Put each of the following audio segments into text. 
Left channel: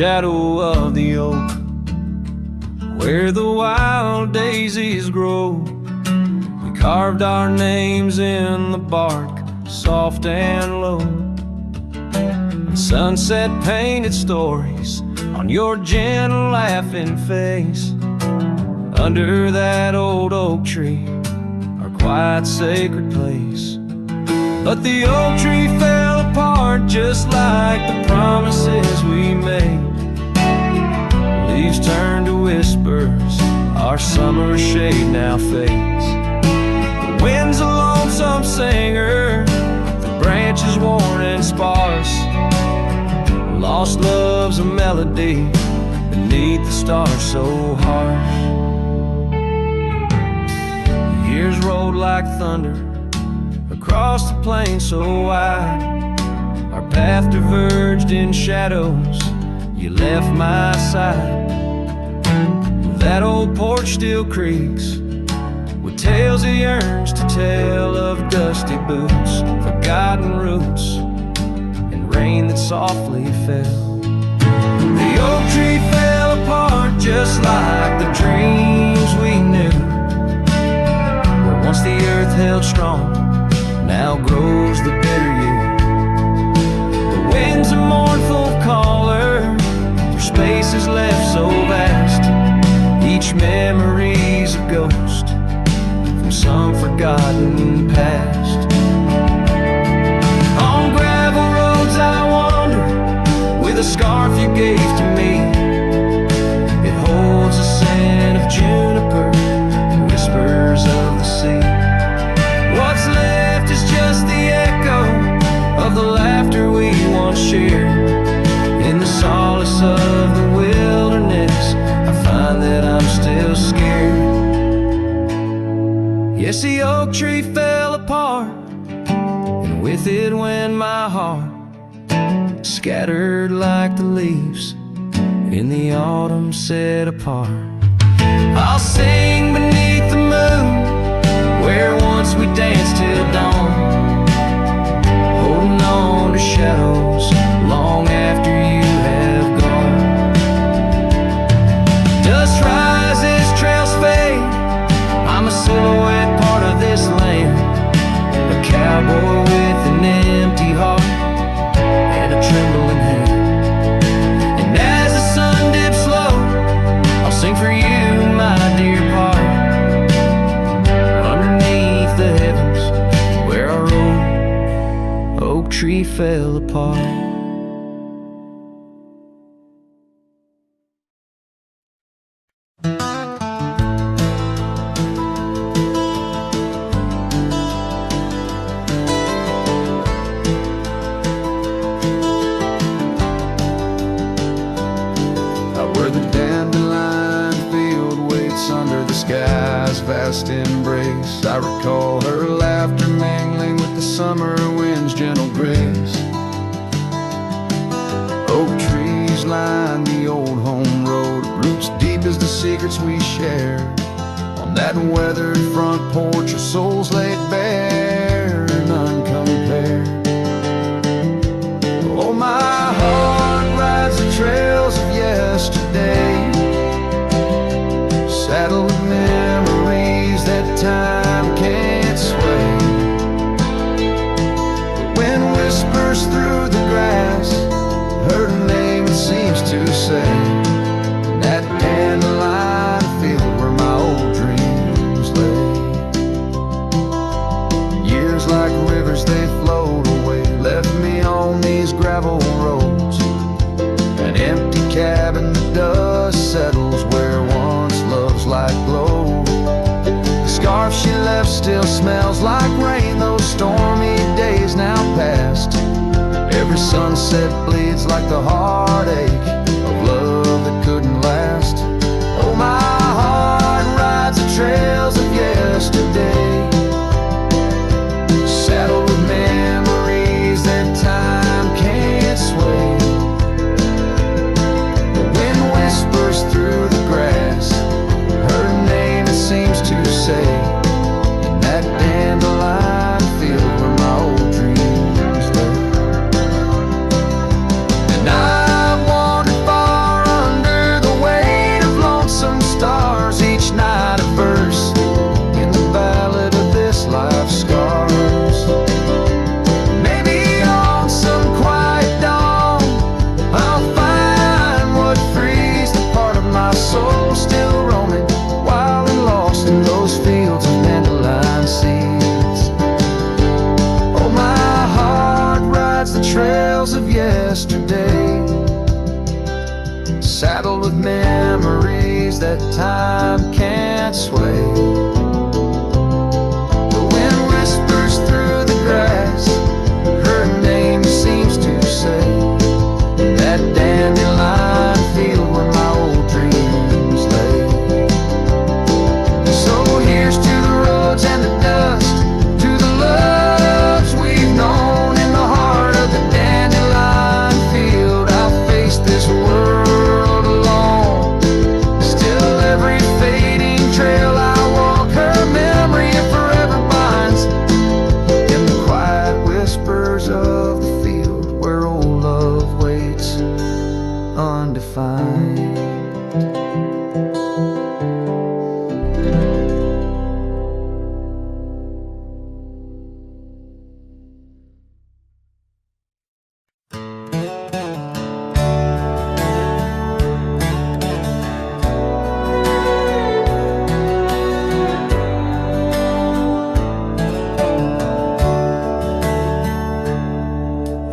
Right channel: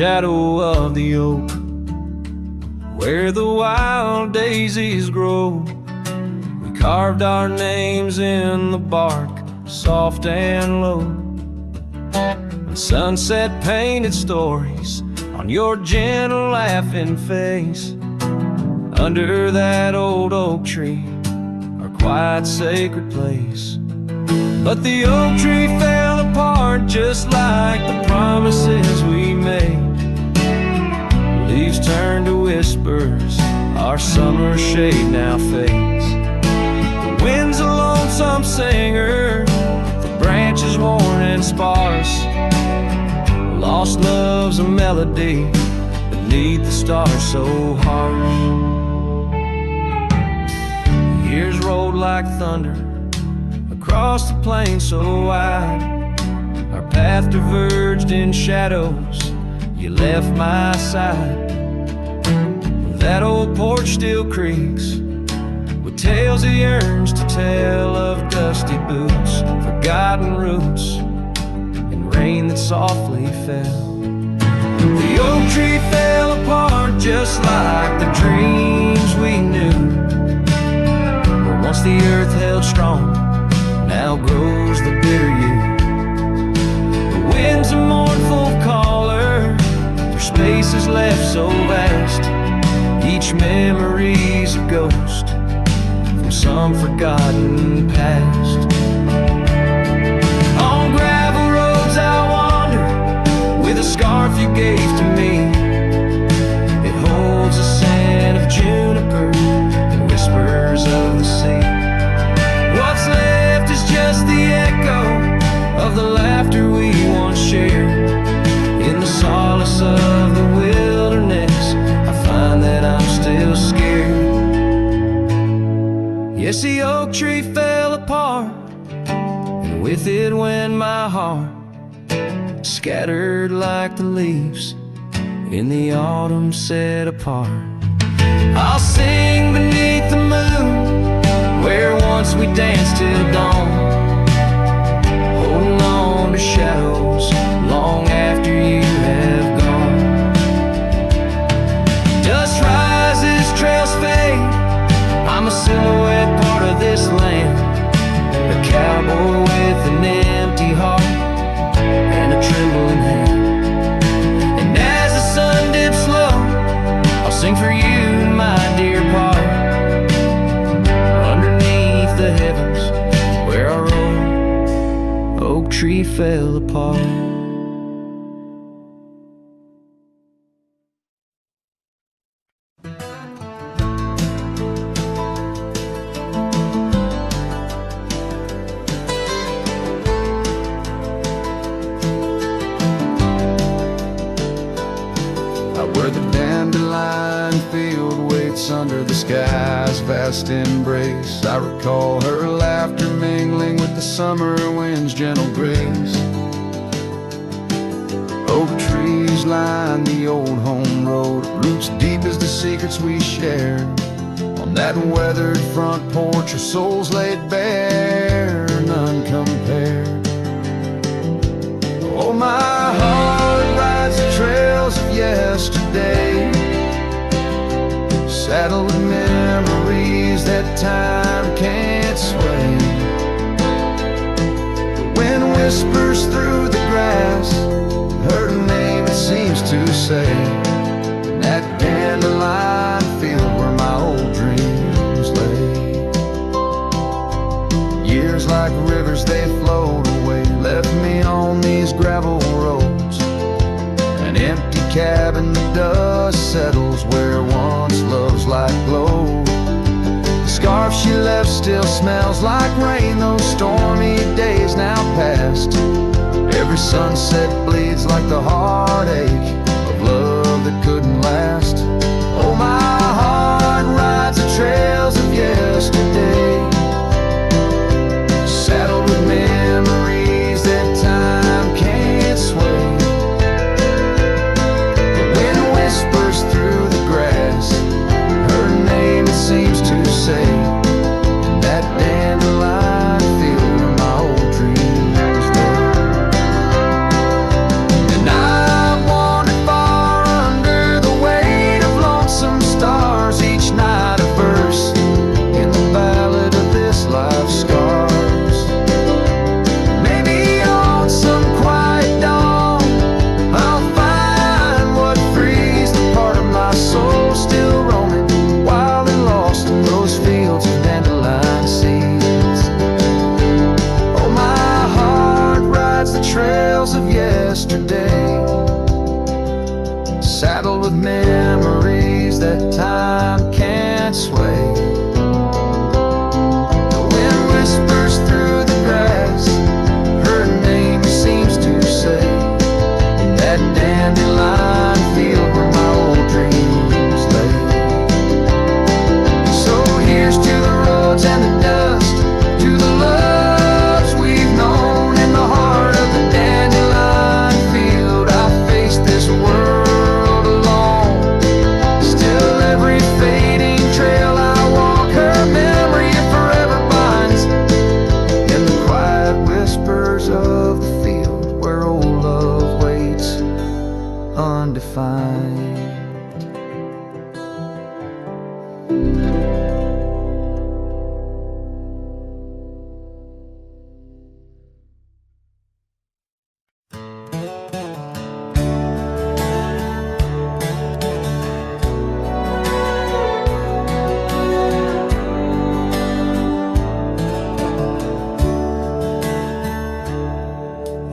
shadow of the oak, where the wild daisies grow. We carved our names in the bark, soft and low, and sunset painted stories on your gentle laughing face. Under that old oak tree, our quiet sacred place. But the oak tree fell apart just like the promises we made. Leaves turned to whispers, our summer shade now fades. The wind's a lonesome singer, the branches worn and sparse. Lost love's a melody beneath the stars so harsh. The years rolled like thunder across the plain so wide. Our path diverged in shadows, you left my side. That old porch still creaks with tales it yearns to tell, of dusty boots, forgotten roots, and rain that softly fell. The oak tree fell apart just like the dreams we knew, where once the earth held strong, now grows the bitter yew. The wind's a mournful caller through spaces left so vast. Each memory's a ghost from some forgotten past. On gravel roads I wander with a scarf you gave to me. It holds a scent of juniper and whispers of the sea. What's left is just the echo of the laughter we once shared. In the solace of the wilderness, I find that I'm still scared. Yes, the oak tree fell apart, and with it went my heart, scattered like the leaves in the autumn set apart. I'll sing beneath the moon, where once we danced till dawn, holding on to shadows long after you have gone. Dust rises, trails fade, I'm a silhouette, part of this land, a cowboy with an empty heart and a trembling hand. And as the sun dips low, I'll sing for you, my dear part, underneath the heavens where our old oak tree fell apart. Where the dandelion field waits under the sky's vast embrace, I recall her laughter mingling with the summer wind's gentle grace. Oak trees line the old home road, roots deep as the secrets we shared. On that weathered front porch, our souls laid bare, none compared. Oh, my heart rides the trails of yesterday, saddled with memories that time can't sway. The wind whispers through the grass, her name it seems to say, in that dandelion field where my old dreams lay. Years like rivers they flowed away, left me on these gravel roads, an empty cabin, the dust settles where once love's light glowed. The scarf she left still smells like rain, those stormy days now past. Every sunset bleeds like the heartache of love that couldn't last. Oh, my heart rides the trails of yesterday, saddled with memories that time can't sway. The wind whispers through the grass, her name it seems to say, in that dandelion field where my old dreams lay. And I've wandered far with memories that time can't sway. The wind whispers through the grass, her name seems to say, in that dandelion field where my old dreams lay. So here's to the roads and the dust, to the loves we've known in the heart of the dandelion field. I face this world alone, still every fading trail I walk, her memory forever binds in the quiet whispers of the field where old love waits undefined.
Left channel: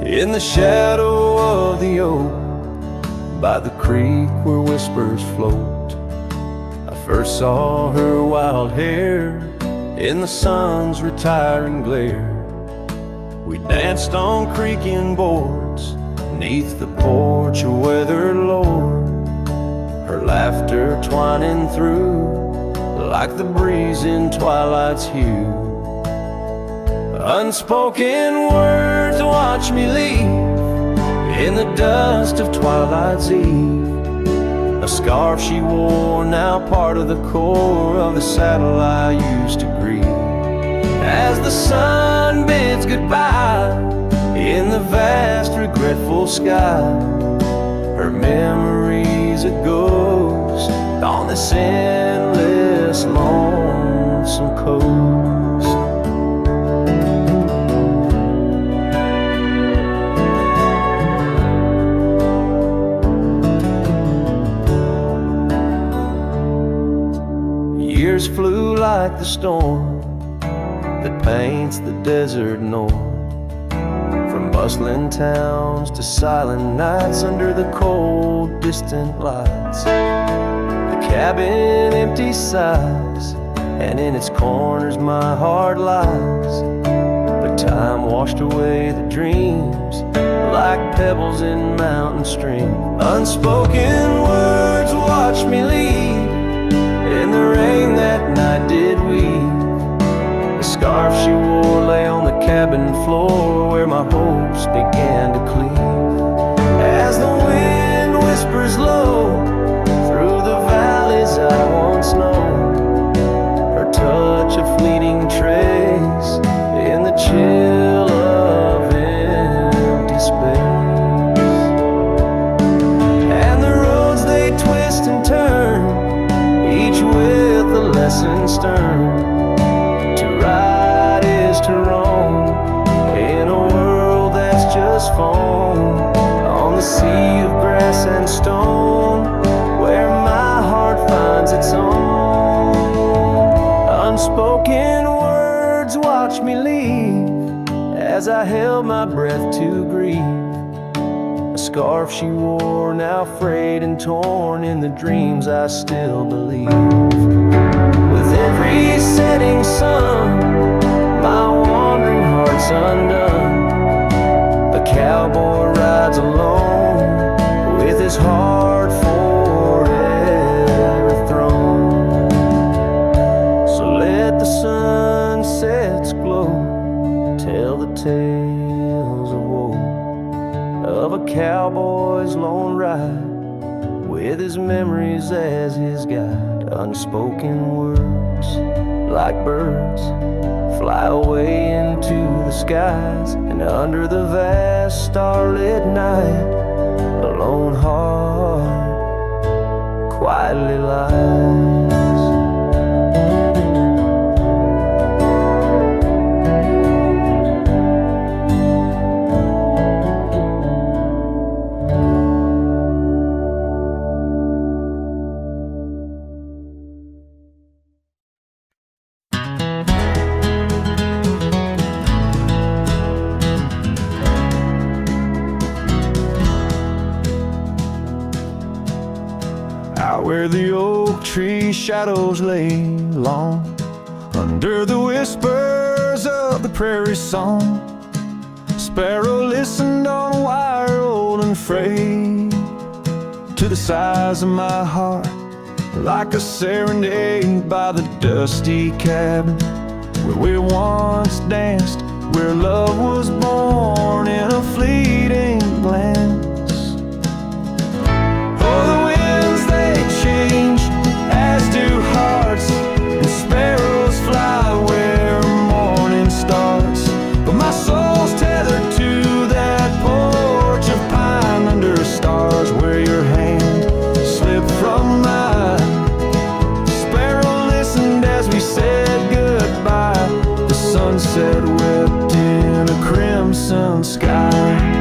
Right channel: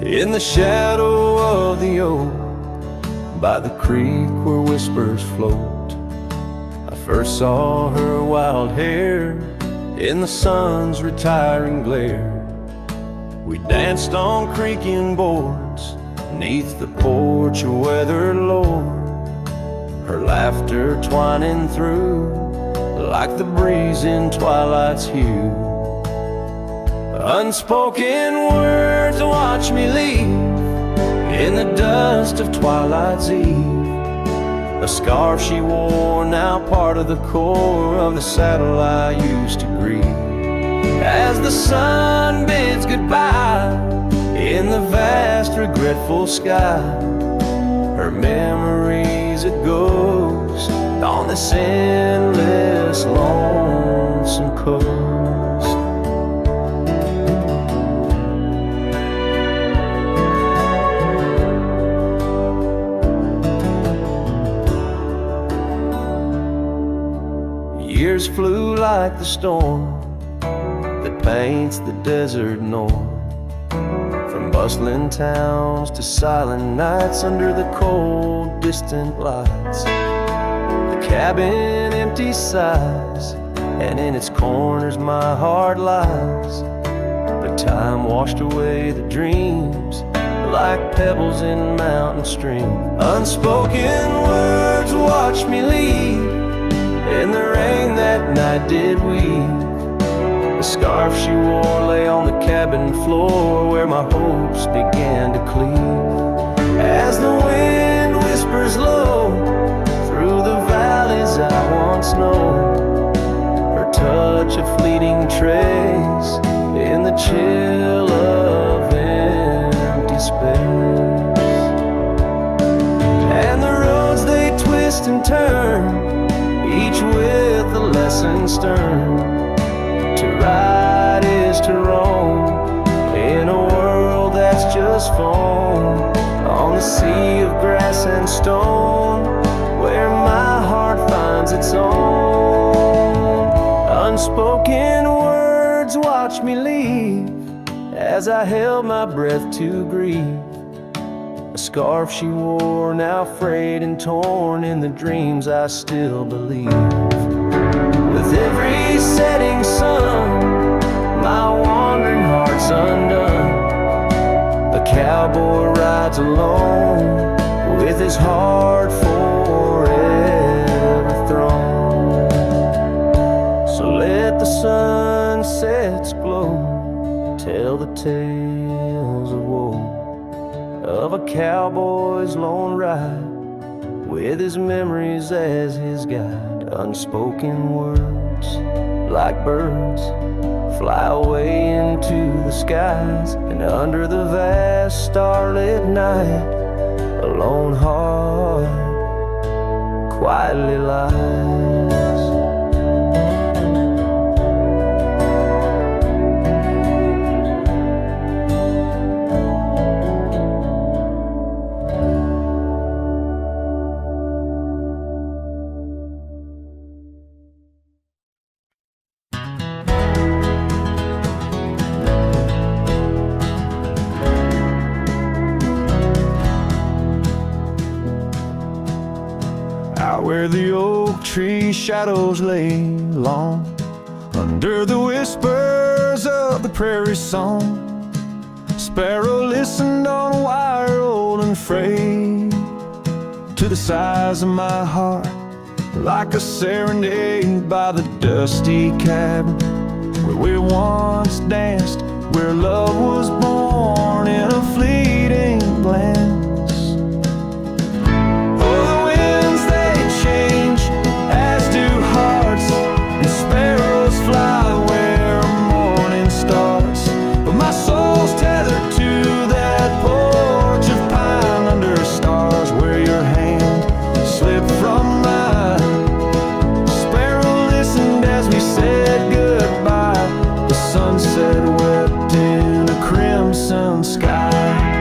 In the shadow of the oak, by the creek where whispers float, I first saw her wild hair in the sun's retiring glare. We danced on creaking boards neath the porch of weathered lore, her laughter twining through like the breeze in twilight's hue. Unspoken words watch me leave in the dust of twilight's eve. A scarf she wore, now part of the core of the saddle I used to grieve. As the sun bids goodbye in the vast regretful sky, her memory's a ghost on this endless lonesome coast. Years flew like the storm that paints the desert north, from bustling towns to silent nights under the cold, distant lights. The cabin empty sighs, and in its corners my heart lies. But time washed away the dreams like pebbles in mountain stream. Unspoken words watch me leave in the rain that night did weave. The scarf she wore lay on the cabin floor where my hopes began to cleave. As the wind whispers low through the valleys I once known, her touch a fleeting trace in the chill of empty space. And the roads they twist and turn, each with a lesson stern. To right is to wrong in a world that's just foam, on the sea of grass and stone where my heart finds its own. Unspoken words watch me leave as I held my breath to grieve. A scarf she wore, now frayed and torn in the dreams I still believe. With every setting sun, my wandering heart's undone. A cowboy rides alone with his heart forever thrown. So let the sunsets glow, tell the tales of woe, of a cowboy's lone ride with his memories as his guide. Unspoken words like birds fly away into the skies, and under the vast starlit night a lone heart quietly lies. where the oak tree shadows lay long, under the whispers of the prairie song. Sparrow listened on a wire old and frayed to the size of my heart, like a serenade by the dusty cabin where we once danced, where love was born in a fleeting glance. Oh, the winds they change, as do hearts, and sparrows fly where morning starts. But my soul's tethered to that porch of pine under stars, where your hand slipped from mine. Sparrow listened as we said goodbye. The sunset wept in a crimson sky.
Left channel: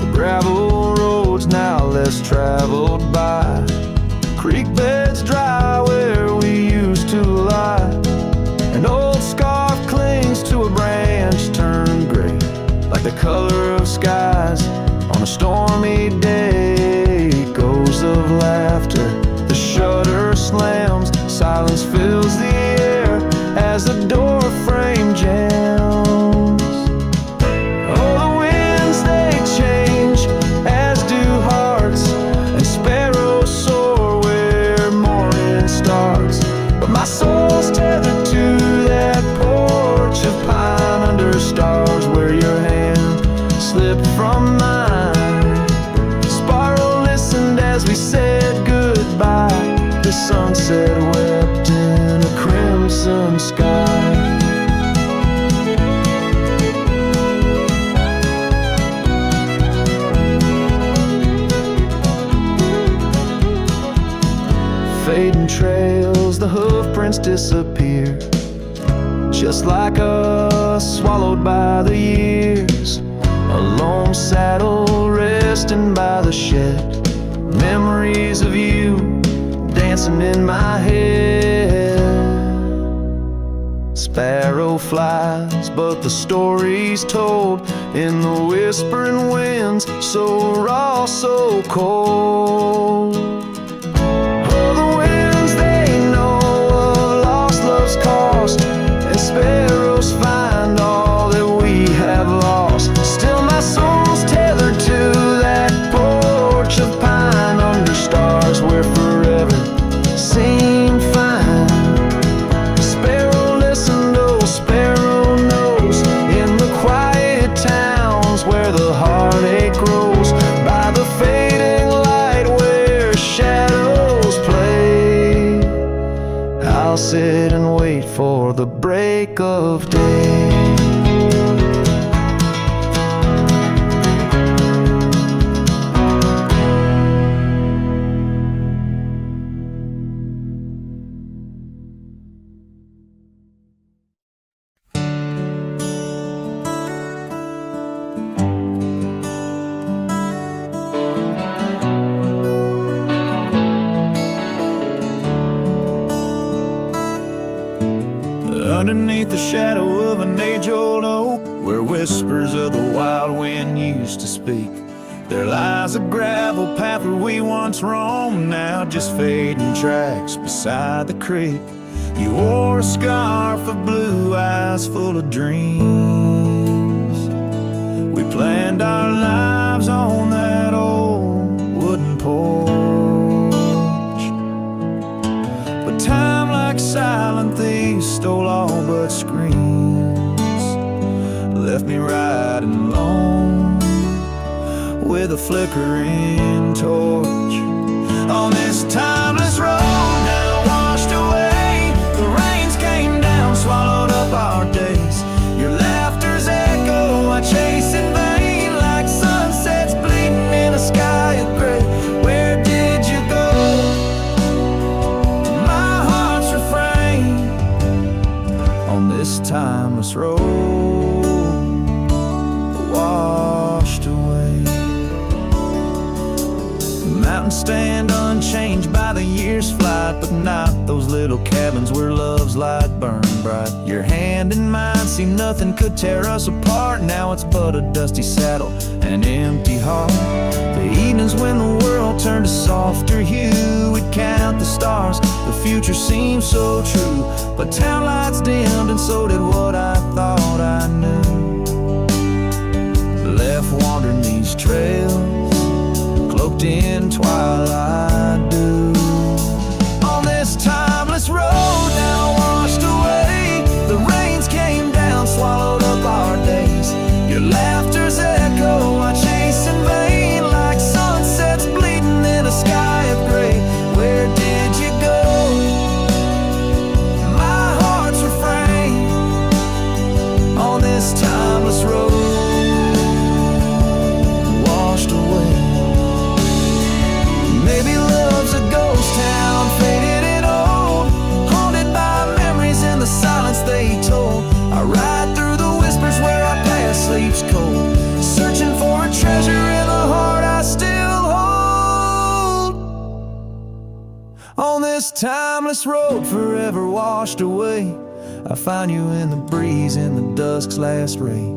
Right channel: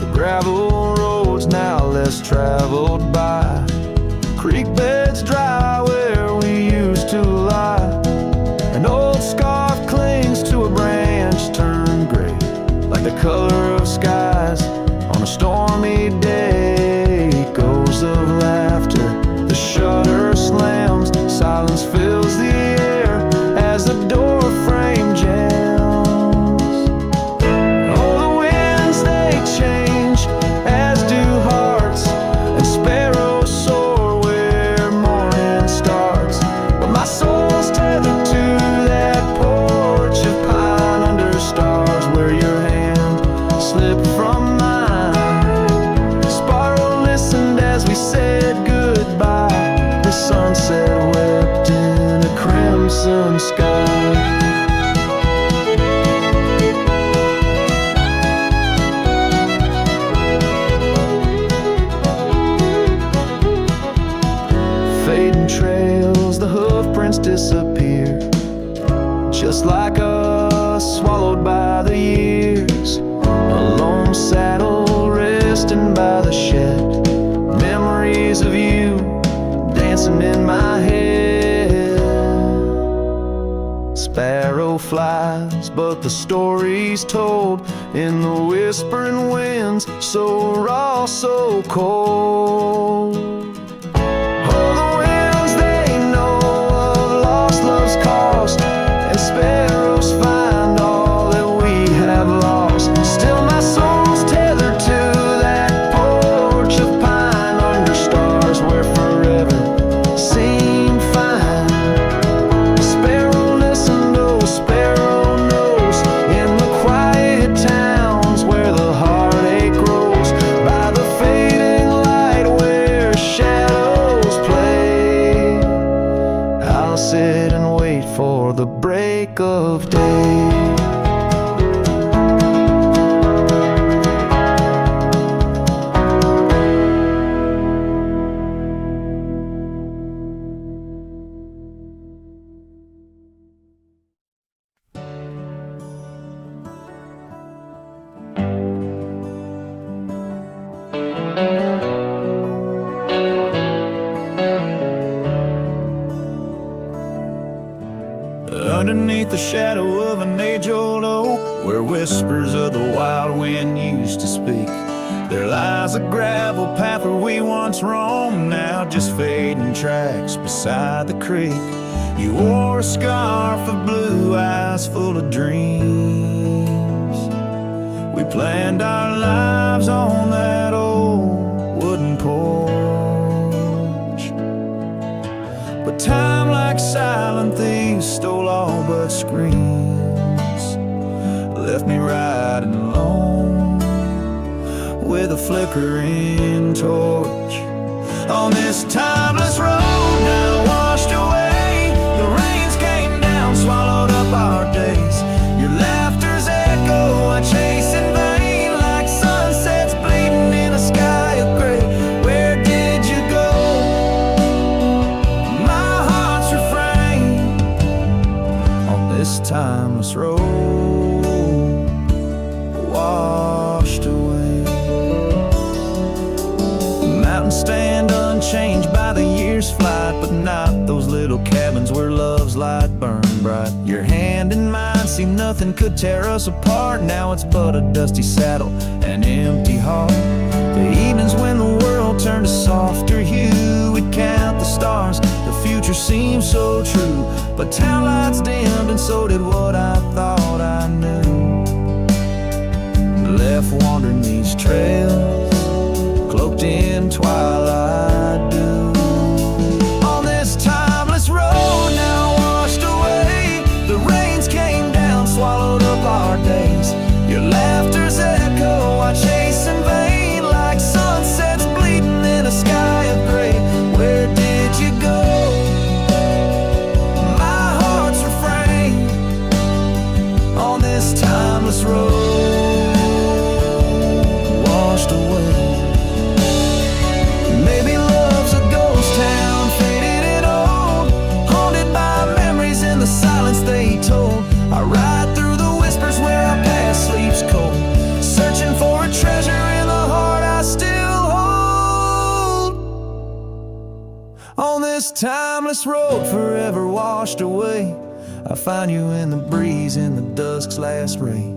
The gravel roads now less traveled by, creek beds dry where we used to lie. An old scarf clings to a branch turned gray, like the color of skies on a stormy day. Echoes of laughter, the shutter slams, silence fills the air as the door frame jams. Oh, the winds they change, as do hearts, and sparrows soar where morning starts. But my soul's tethered to that porch of pine under stars, where your hand slipped from mine. Sparrow listened as we said goodbye. The sunset wept in a crimson sky. Fading trails, the hoof prints disappear, just like us, swallowed by the years. A lone saddle resting by the shed, memories of you dancing in my head. Sparrow flies, but the story's told in the whispering winds, so raw, so cold. Oh, the winds they know of lost love's cost, and sparrows find all that we have lost. Still my soul's tethered to that porch of pine under stars, where forever seemed fine. Sparrow listened, oh sparrow knows, in the quiet towns where the heartache grows, by the fading light where shadows play. I'll sit and wait for the break of day. Underneath the shadow of an age-old oak, where whispers of the wild wind used to speak, there lies a gravel path where we once roamed, now just fading tracks beside the creek. You wore a scarf of blue eyes full of dreams. We planned our lives on that old wooden porch, but time, like silent thieves, stole all but screams, left me riding alone with a flickering torch on this timeless road now washed away. The rains came down, swallowed up our days. Your laughter's echo I chase in vain, like sunsets bleeding in a sky of gray. Where did you go? My heart's refrain on this timeless road washed away. mountains stand unchanged by the year's flight, but not those little cabins where love's light burned bright. Your hand in mine, see nothing could tear us apart. Now it's but a dusty saddle, an empty heart. The evenings when the world turned a softer hue, we'd count the stars, the future seemed so true. But town lights dimmed and so did what I thought I knew. Left wandering these trails, cloaked in twilight dew. On this timeless road now washed away, the rains came down, swallowed up our days. Your laughter's echo I chase in vain, like sunsets bleeding in a sky of gray. Where did you go? My heart's refrain on this timeless road washed away. Maybe love's a ghost town, faded and old, haunted by memories in the silence they told. I ride through the whispers where our past sleeps cold, searching for a treasure in the heart I still hold. On this timeless road forever washed away, I find you in the breeze in the dusk's last ray.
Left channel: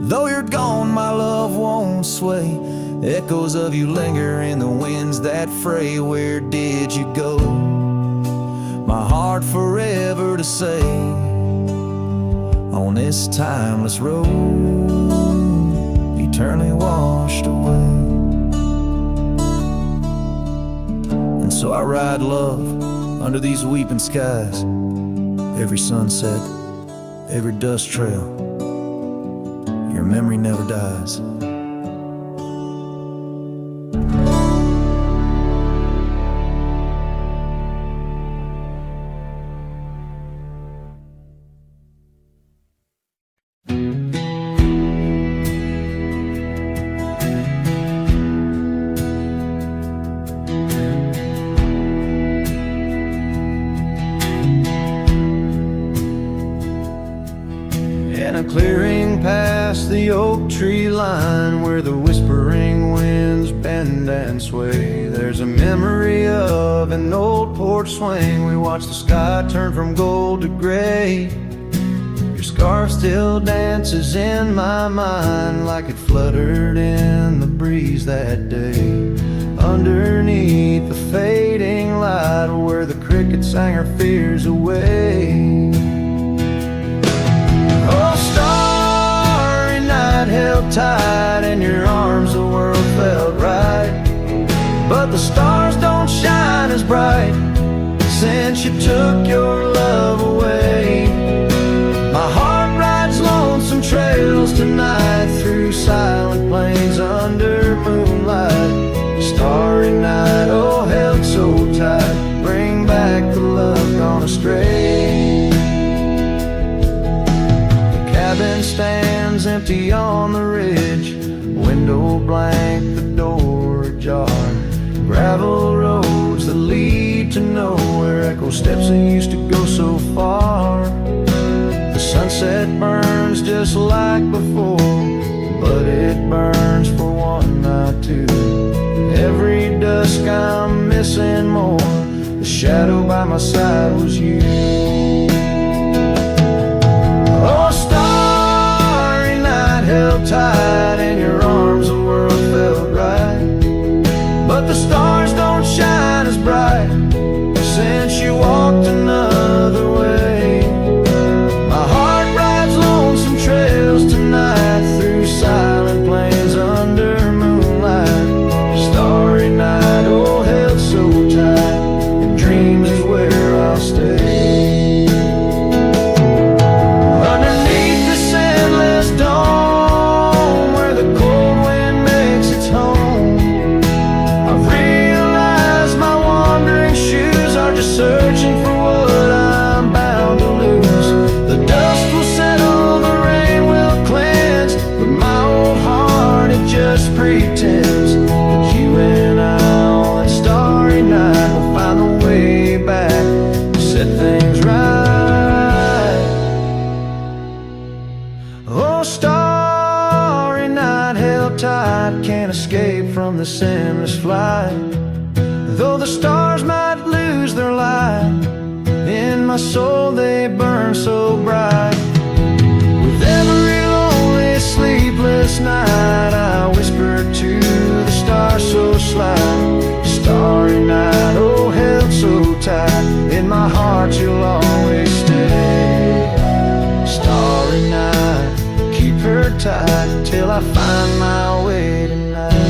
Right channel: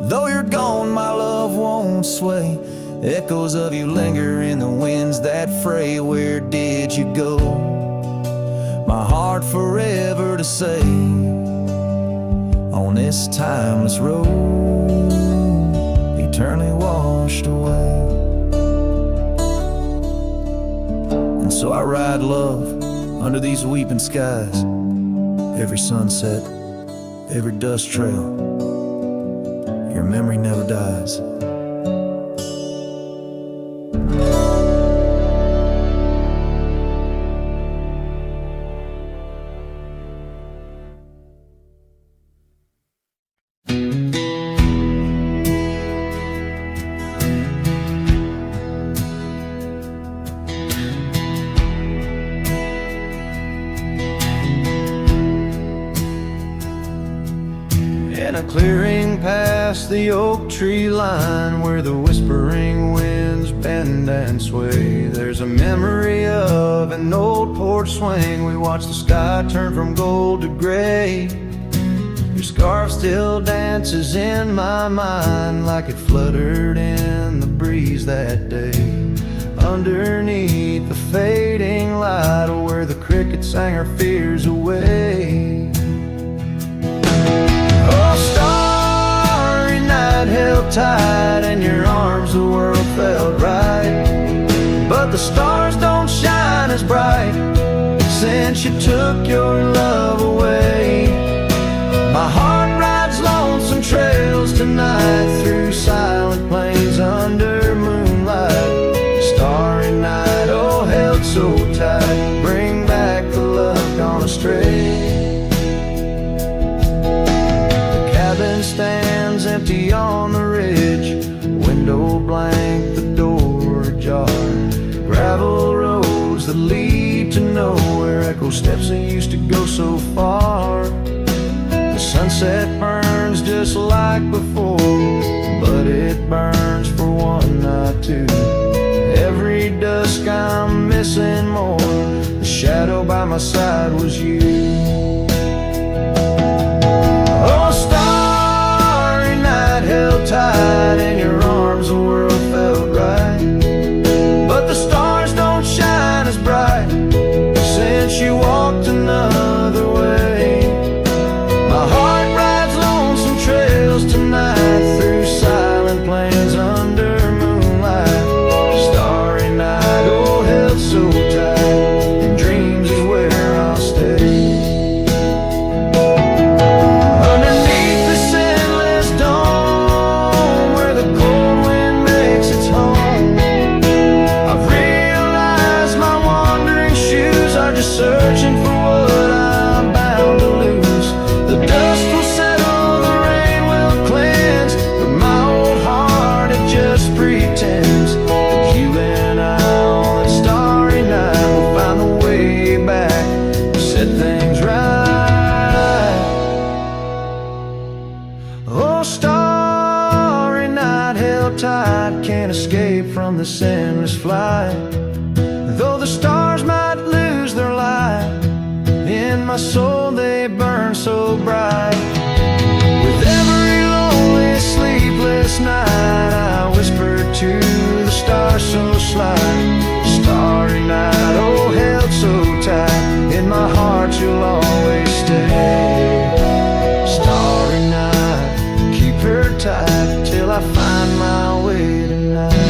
Though you're gone, my love won't sway. Echoes of you linger in the winds that fray. Where did you go? My heart forever to say. On this timeless road, eternally washed away. And so I ride love under these weeping skies. Every sunset, every dust trail, your memory never dies. In a clearing past the oak tree line, where the whispering winds bend and sway, there's a memory of an old porch swing. We watch the sky turn from gold to gray. Your scarf still dances in my mind, like it fluttered in the breeze that day. Underneath the fading light, where the cricket sang her fears away. Oh, starry night held tight in your arms, the world felt right. But the stars don't shine as bright since you took your love away. My heart rides lonesome trails tonight, through silent plains under moonlight. Starry night, oh held so tight, bring back the love gone astray. Cabin stands empty on the ridge, window blank, the door ajar. Gravel roads that lead to nowhere, echo steps that used to go so far. The sunset burns just like before, but it burns for one, not two. Every dusk I'm missing more, the shadow by my side was you. Oh, starry night held tight in your arms, the world felt right. But the stars don't shine as bright since you walked another way. My heart rides lonesome trails tonight, through silent plains under moonlight. Starry night, oh held so tight, and dreams is where I'll stay. Searching for what I'm bound to lose. The dust will settle, the rain will cleanse, but my old heart, it just pretends that you and I on that starry night will find the way back and set things right. Oh, starry night held held tight, can't escape from this endless flight. Though the stars might lose their light, in my soul they burn so bright. With every lonely, sleepless night, I whisper to the stars so slight. Starry night, oh held so tight, in my heart you'll always stay. Starry night, keep her tight till I find my way tonight.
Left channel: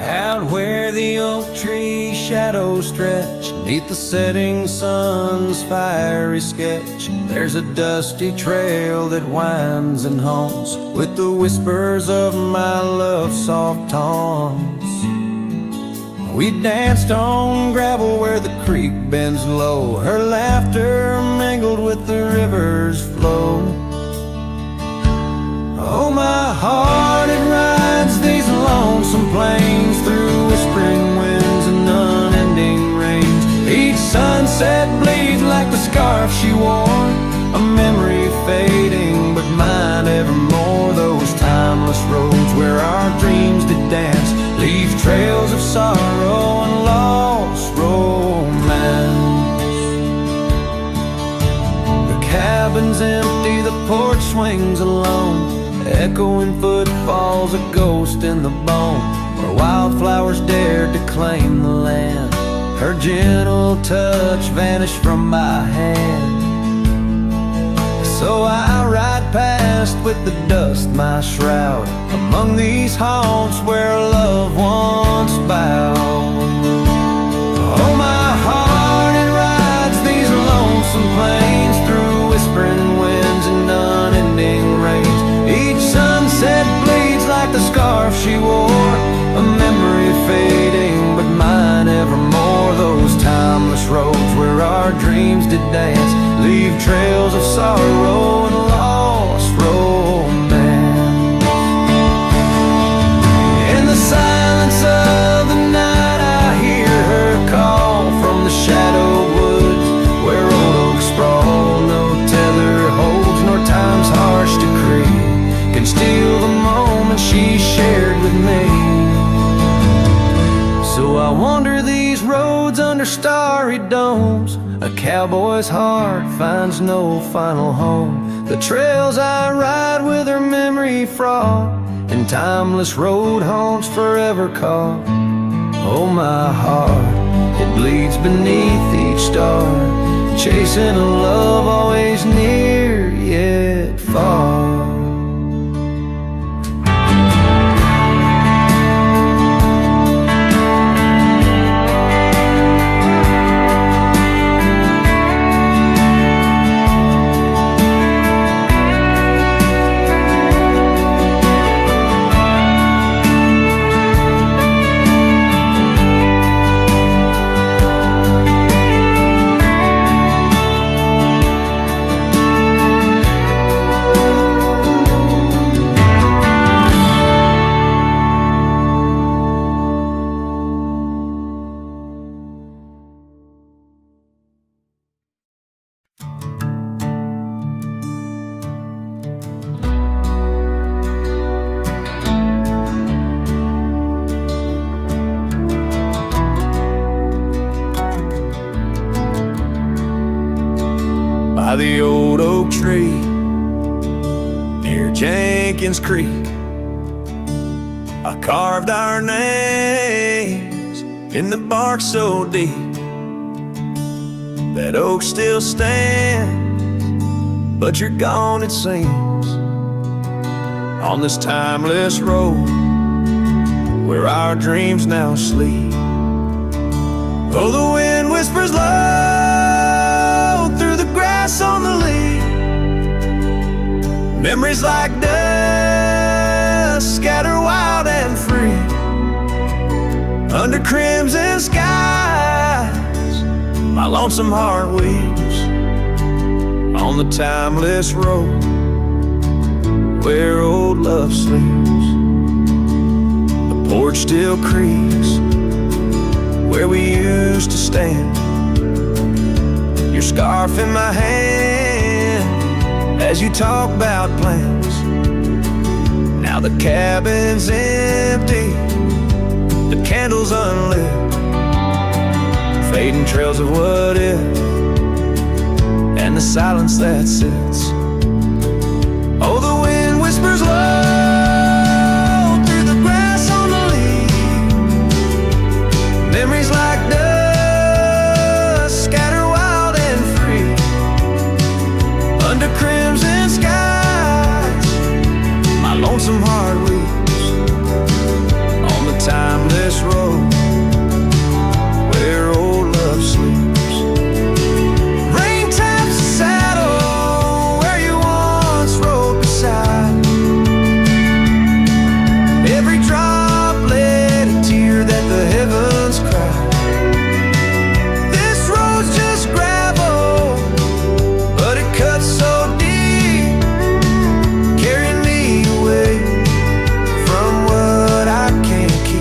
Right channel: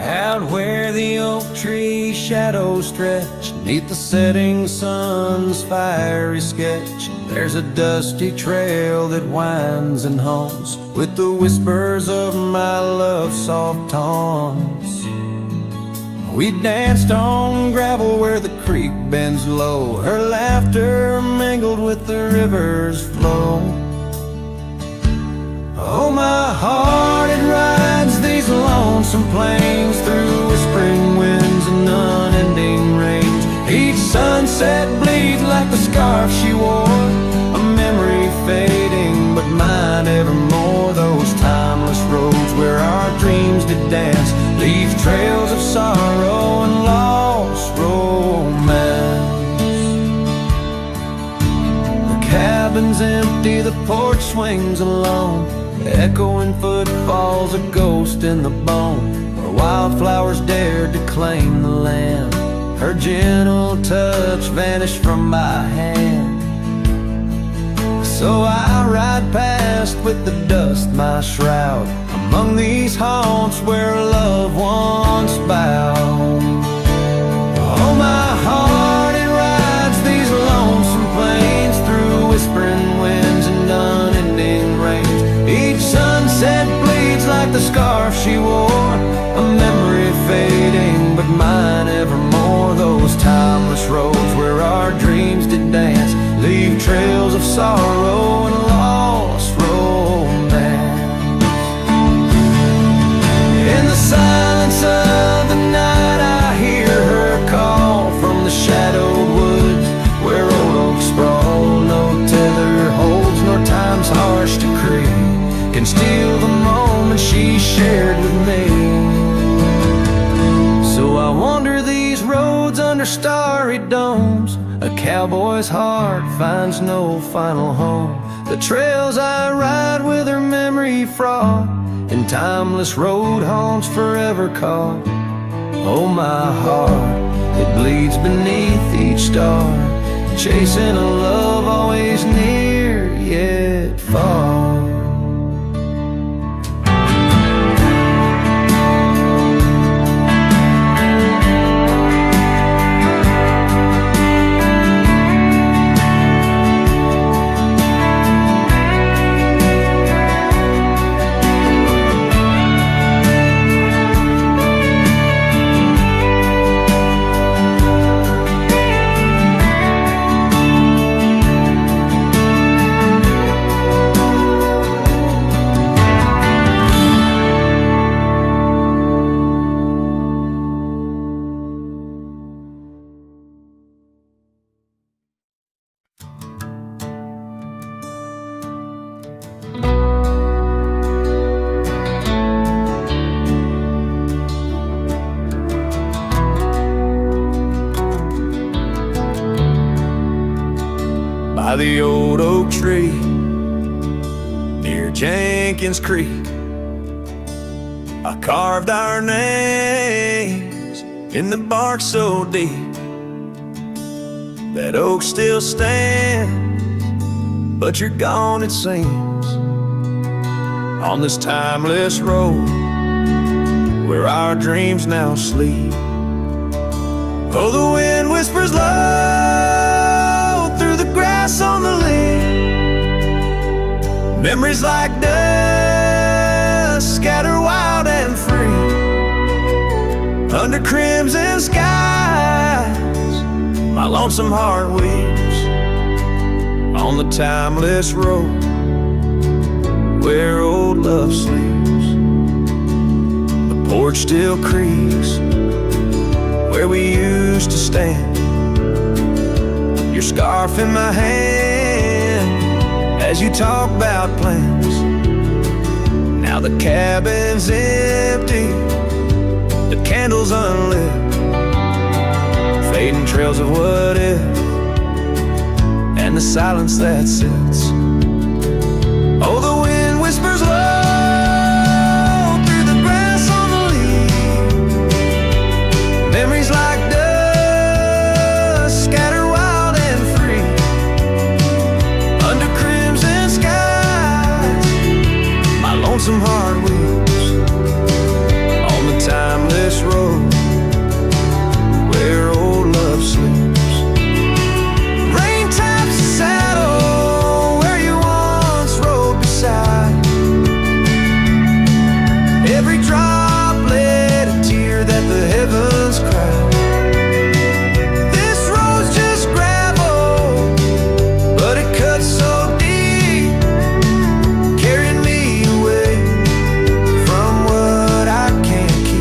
Out where the oak tree shadows stretch, neath the setting sun's fiery sketch, there's a dusty trail that winds and haunts with the whispers of my love's soft taunts. We danced on gravel where the creek bends low, her laughter mingled with the river's flow. Oh, my heart, it rides these lonesome plains through whispering winds and unending rains. Each sunset bleeds like the scarf she wore, a memory fading, but mine evermore. Those timeless roads where our dreams did dance leave trails of sorrow and lost romance. The cabin's empty, the porch swings alone, echoing footfalls, a ghost in the bone, where wildflowers dared to claim the land. Her gentle touch vanished from my hand. So I ride past with the dust my shroud, among these haunts where love once bowed. Oh, my heart, it rides these lonesome plains through whispering winds and unending rains. Each sunset bleeds like the scarf she wore, a memory fading, but mine evermore. Those timeless roads where our dreams did dance leave trails of sorrow and lost romance. In the silence of the night, I hear her call from the shadowed woods where old oaks sprawl. No tether holds, nor time's harsh decree can steal the moment she shared with me. So I wander these roads under starry domes, a cowboy's heart finds no final home. The trails I ride with her memory fraught, in timeless road haunts forever caught. Oh, my heart, it bleeds beneath each star, chasing a love always near yet far. By the old oak tree near Jenkins Creek, I carved our names in the bark so deep. That oak still stands, but you're gone it seems, on this timeless road where our dreams now sleep. Oh, the wind whispers low through the grass on the lea. Memories like dust scatter wild and free. Under crimson skies, my lonesome heart weeps on the timeless road where old love sleeps. The porch still creaks where we used to stand, your scarf in my hand as you talk about plans. Now the cabin's empty, the candles unlit, fading trails of what if, and the silence that sits. Oh, the wind whispers low through the grass on the leaves. Memories like dust scatter wild and free. Under crimson skies, my lonesome heart weeps on the timeless road where old love sleeps. Rain taps the saddle where you once rode beside. Every droplet a tear that the heavens cried. This road's just gravel, but it cuts so deep, carrying me away from what I can't keep.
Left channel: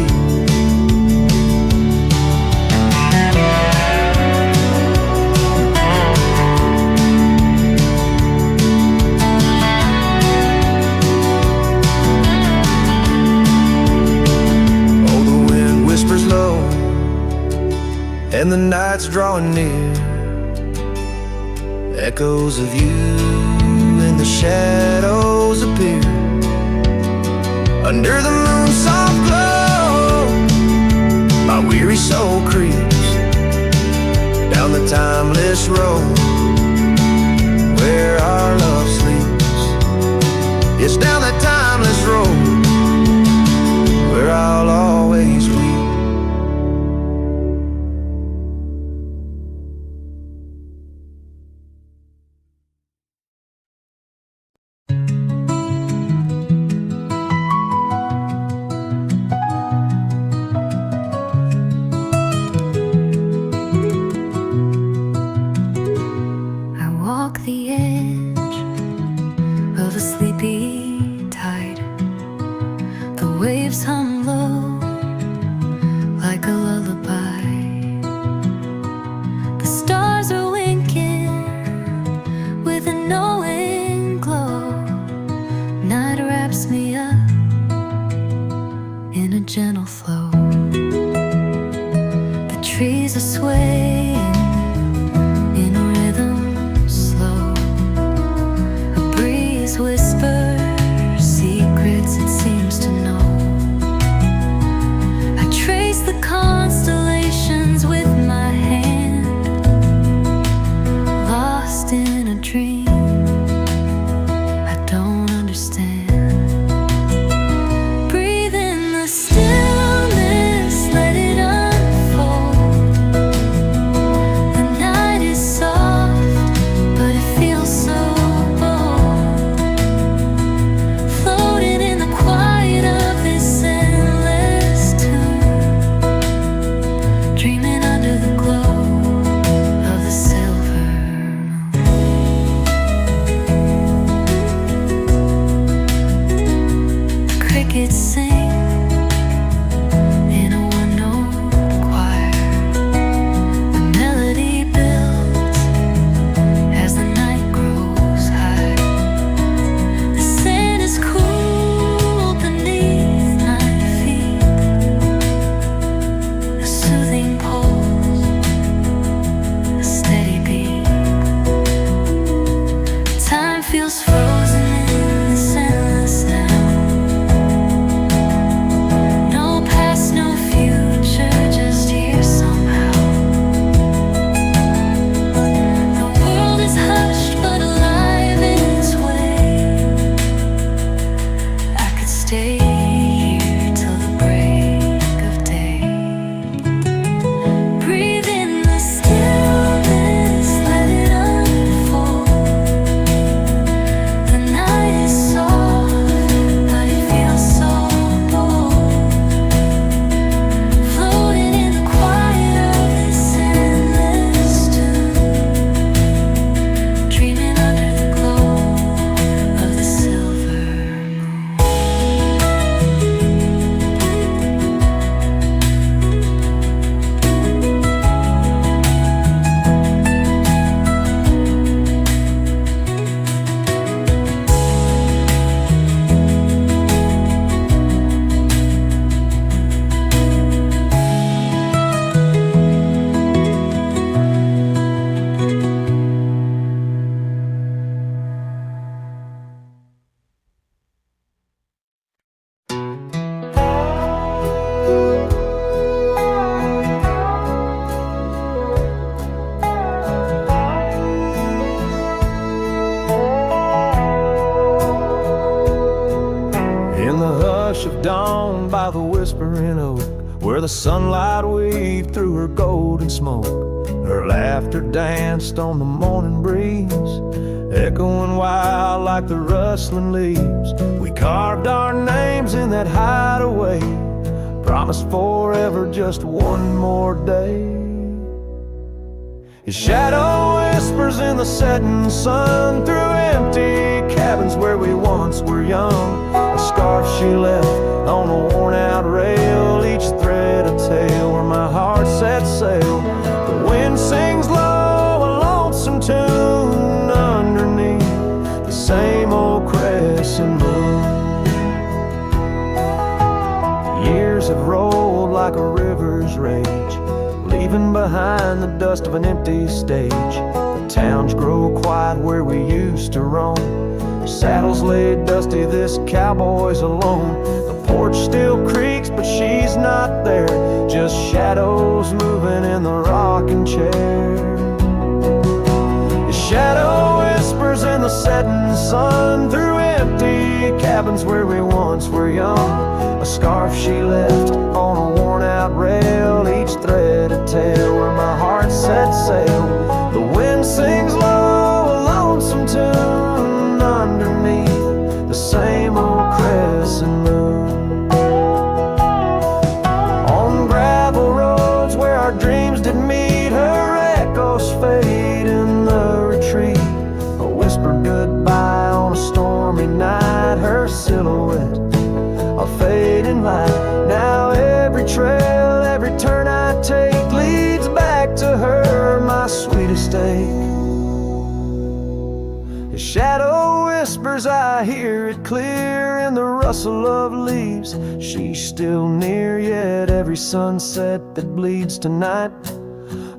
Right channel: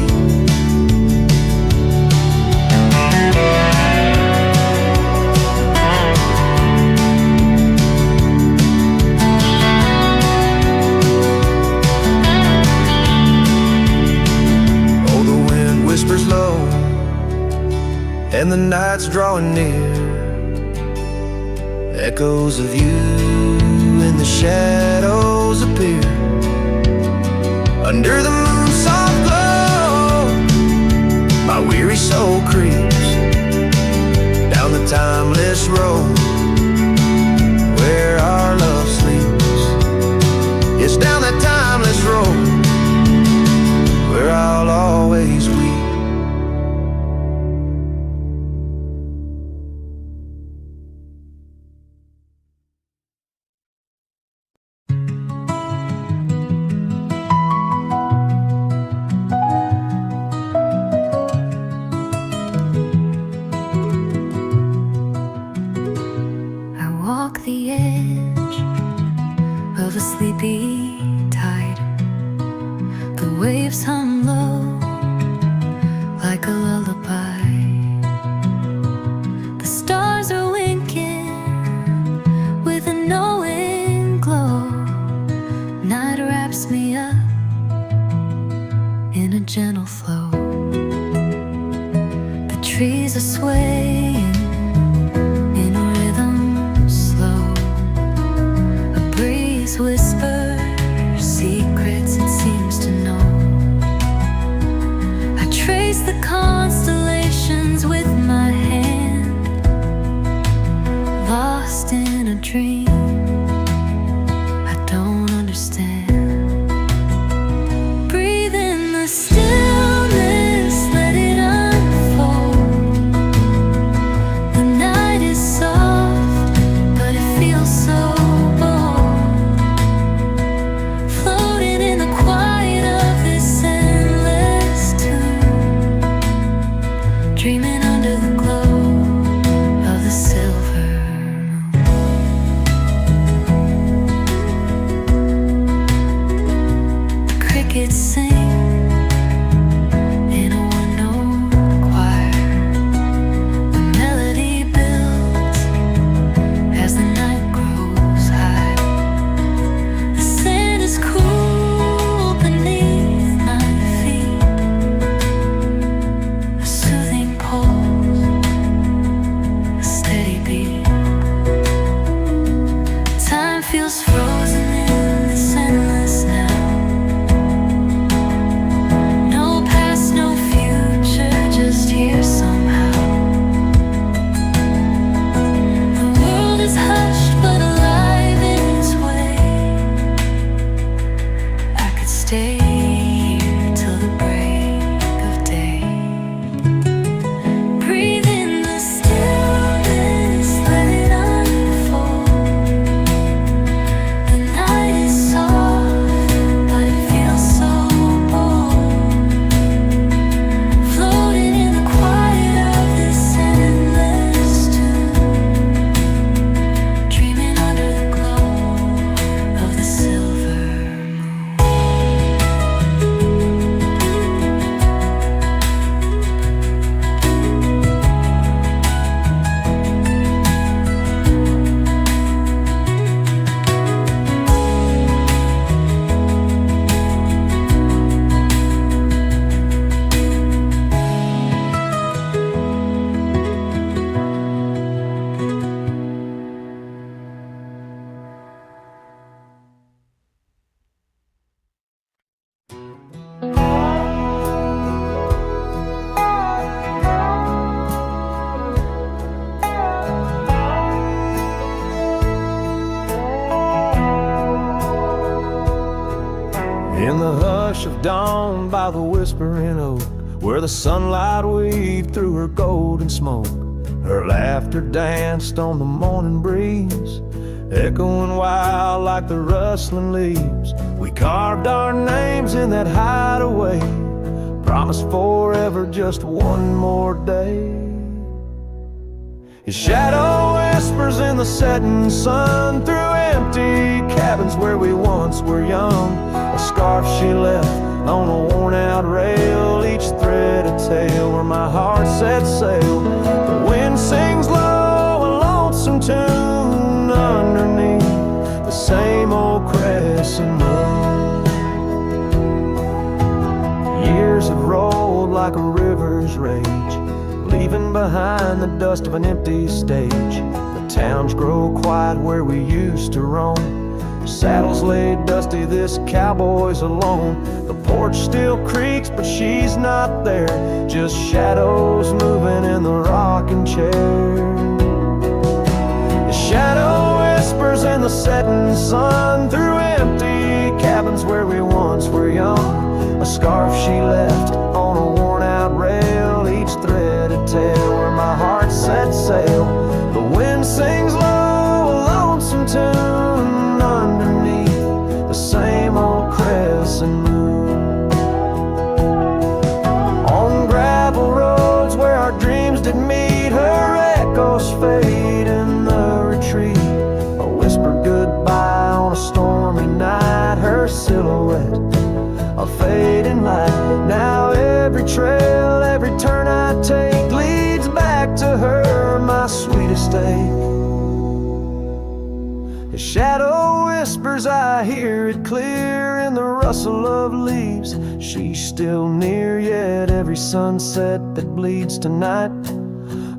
Oh, the wind whispers low and the night's drawing near. Echoes of you in the shadows appear. Under the moon's soft glow, my weary soul creeps down the timeless road where our love sleeps. It's down that timeless road where I'll always weep. Walk the edge of a sleepy tide. The waves hum low like a lullaby. The stars are winking with a knowing glow. Night wraps me up in a gentle flow. The trees are swaying in a rhythm slow. A breeze whispers secrets it seems to know. I trace the constellations with my hand, lost in a dream I don't understand. Breathe in the stillness, let it unfold. The night is soft, but it feels so bold, floating in the quiet of this endless tune, dreaming under the glow of the silver moon. The crickets sing in a one-note choir. The melody builds as the night grows high. The sand is cool beneath my feet. A soothing pulse, a steady beat. Time feels frozen in this endless now. No past, no future, just here somehow. The world is hushed but alive in its way. I could stay here till the break of day. Breathe in the stillness, let it unfold. The night is soft, but it feels so bold, floating hush of dawn by the whispering oak, where the sunlight weaved through her golden smoke. Her laughter danced on the morning breeze, echoing wild like the rustling leaves. We carved our names in that hideaway, promised forever just one more day. His shadow whispers in the setting sun through empty cabins where we once were young. A scarf she left on a worn-out rail, each thread a tale where my heart set sail. The wind sings low, a lonesome tune underneath the same old crescent moon. Years have rolled like a river's rage, leaving behind the dust of an empty stage. The towns grow quiet where we used to roam, saddles laid dusty, this cowboy's alone. The porch still creaks, but she's not there, just shadows moving in the rocking chair. His shadow whispers in the setting sun through empty cabins where we once were young. A scarf she left on a worn-out rail, each thread a tale where my heart set sail. The wind sings low, a lonesome tune underneath the same old crescent moon. On gravel roads where our dreams did meet, her echoes fade in the retreat. A whispered goodbye on a stormy night, her silhouette a fading light. Now every trail, every turn I take leads back to her, my sweetest ache. His shadow whispers, I hear it clear in the rustle of leaves. She's still near, yet every sunset that bleeds tonight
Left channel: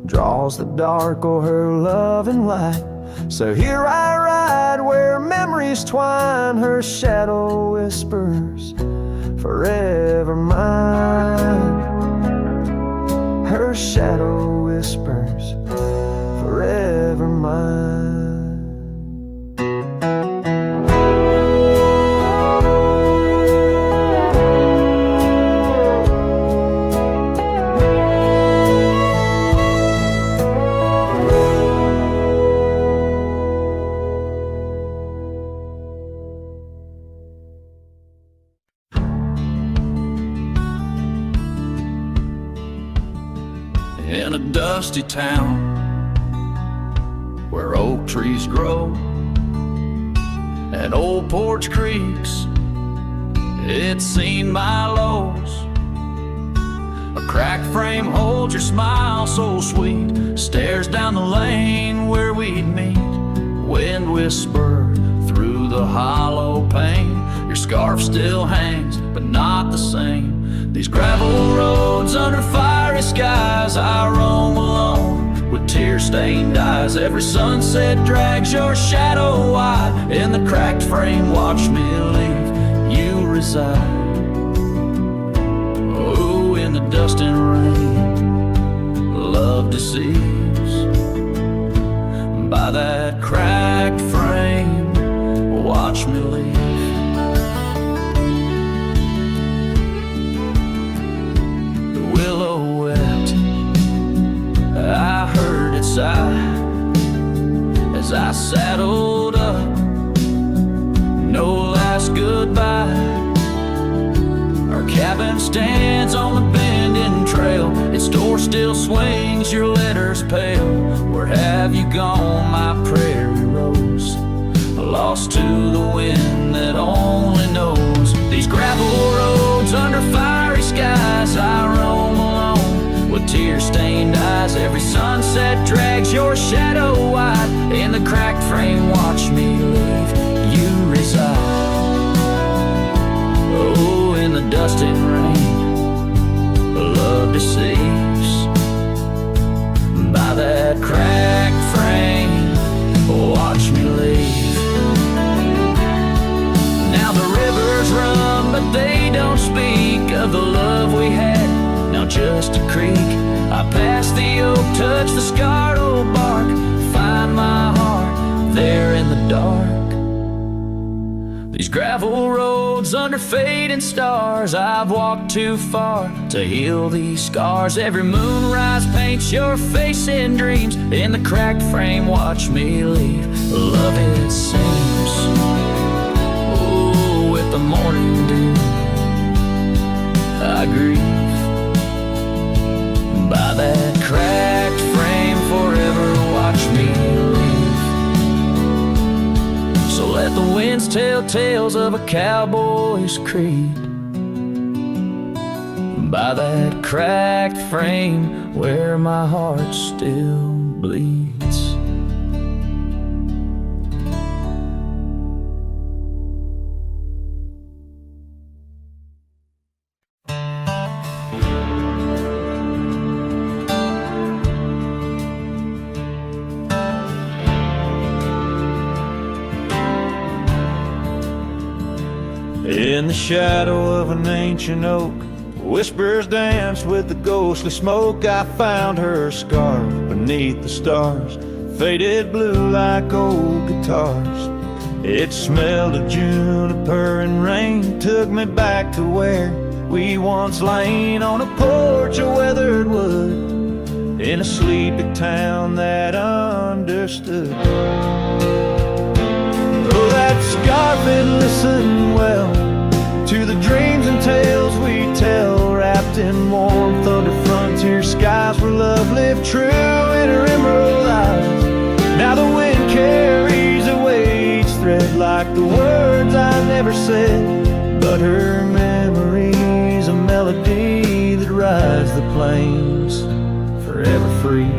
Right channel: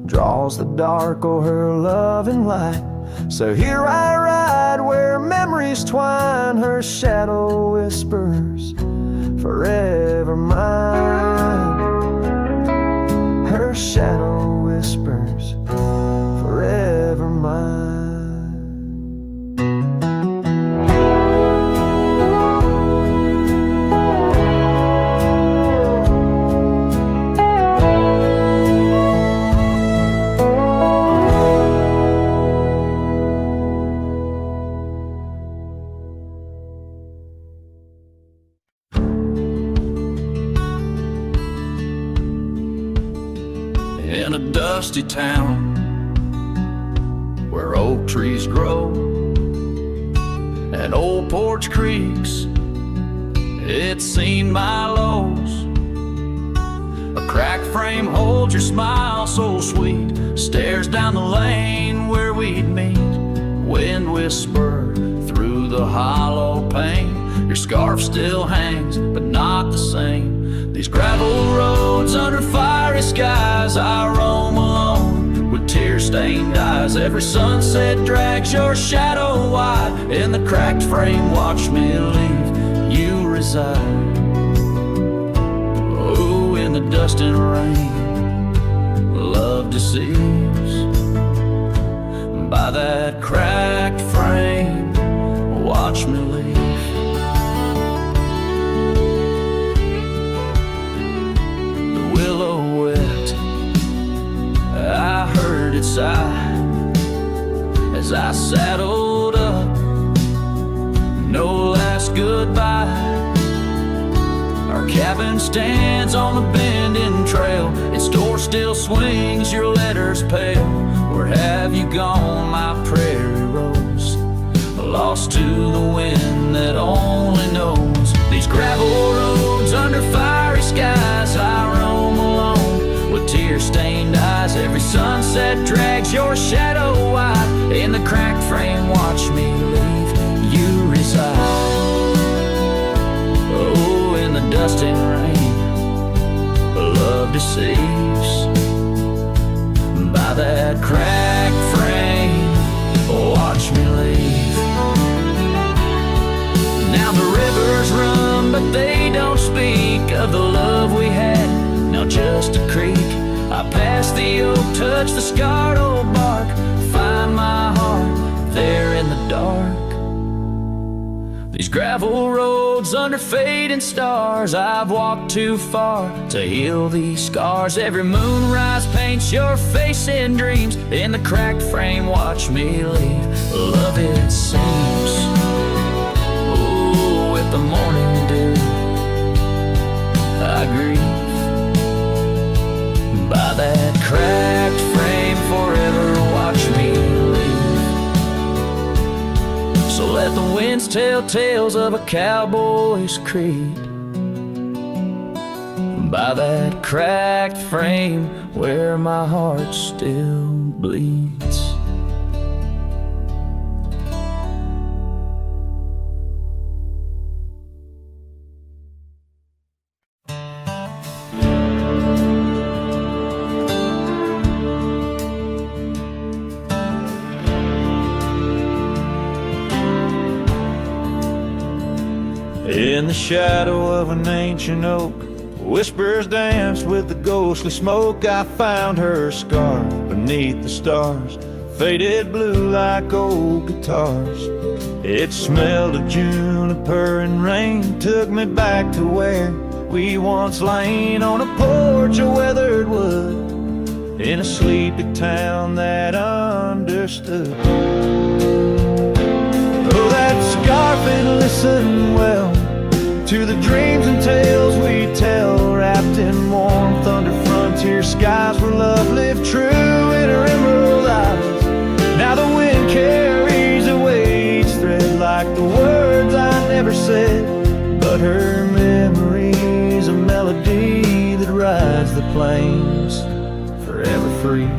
draws the dark o'er her loving light. So here I ride where memories twine, her shadow whispers, forever mine. Her shadow whispers, forever mine. In a dusty town where oak trees grow and old porch creaks, it's seen my lows. A cracked frame holds your smile so sweet, stares down the lane where we'd meet. Wind whisper through the hollow pane, your scarf still hangs, but not the same. These gravel roads under fiery skies, I roam alone with tear-stained eyes. Every sunset drags your shadow wide, in the cracked frame watch me leave, you reside. Oh, in the dust and rain, love deceives. By that cracked frame, watch me leave. Willow wept, I heard it sigh as I saddled up. No last goodbye. Our cabin stands on the bending trail, its door still swings, your letters pale. Where have you gone, my prairie rose? Lost to the wind that only knows. These gravel roads under fiery skies, I roam alone with tear-stained eyes. Every sunset drags your shadow wide, in the cracked frame watch me leave, you reside. Oh, in the dust and rain, love deceives. By that cracked frame, watch me leave. Now the rivers run, but they don't speak of the love we had, now just a creek. I pass the oak, touch the scarred old bark, find my heart there in the dark. These gravel roads under fading stars, I've walked too far to heal these scars. Every moonrise paints your face in dreams. In the cracked frame, watch me leave. Love, it seems, oh, with the morning dew, I grieve by that cracked frame. Forever watch me leave. So let the winds tell tales of a cowboy's creed by that cracked frame where my heart still bleeds. In the shadow of an ancient oak, whispers danced with the ghostly smoke. I found her scarf beneath the stars, faded blue like old guitars. It smelled of juniper and rain, took me back to where we once lain on a porch of weathered wood, in a sleepy town that understood. Oh, that scarf, it listened well to the dreams and tales we tell, wrapped in warmth under frontier skies where love lived true in her emerald eyes. Now the wind carries away each thread like the words I never said, but her memory's a melody that rides the plains forever free.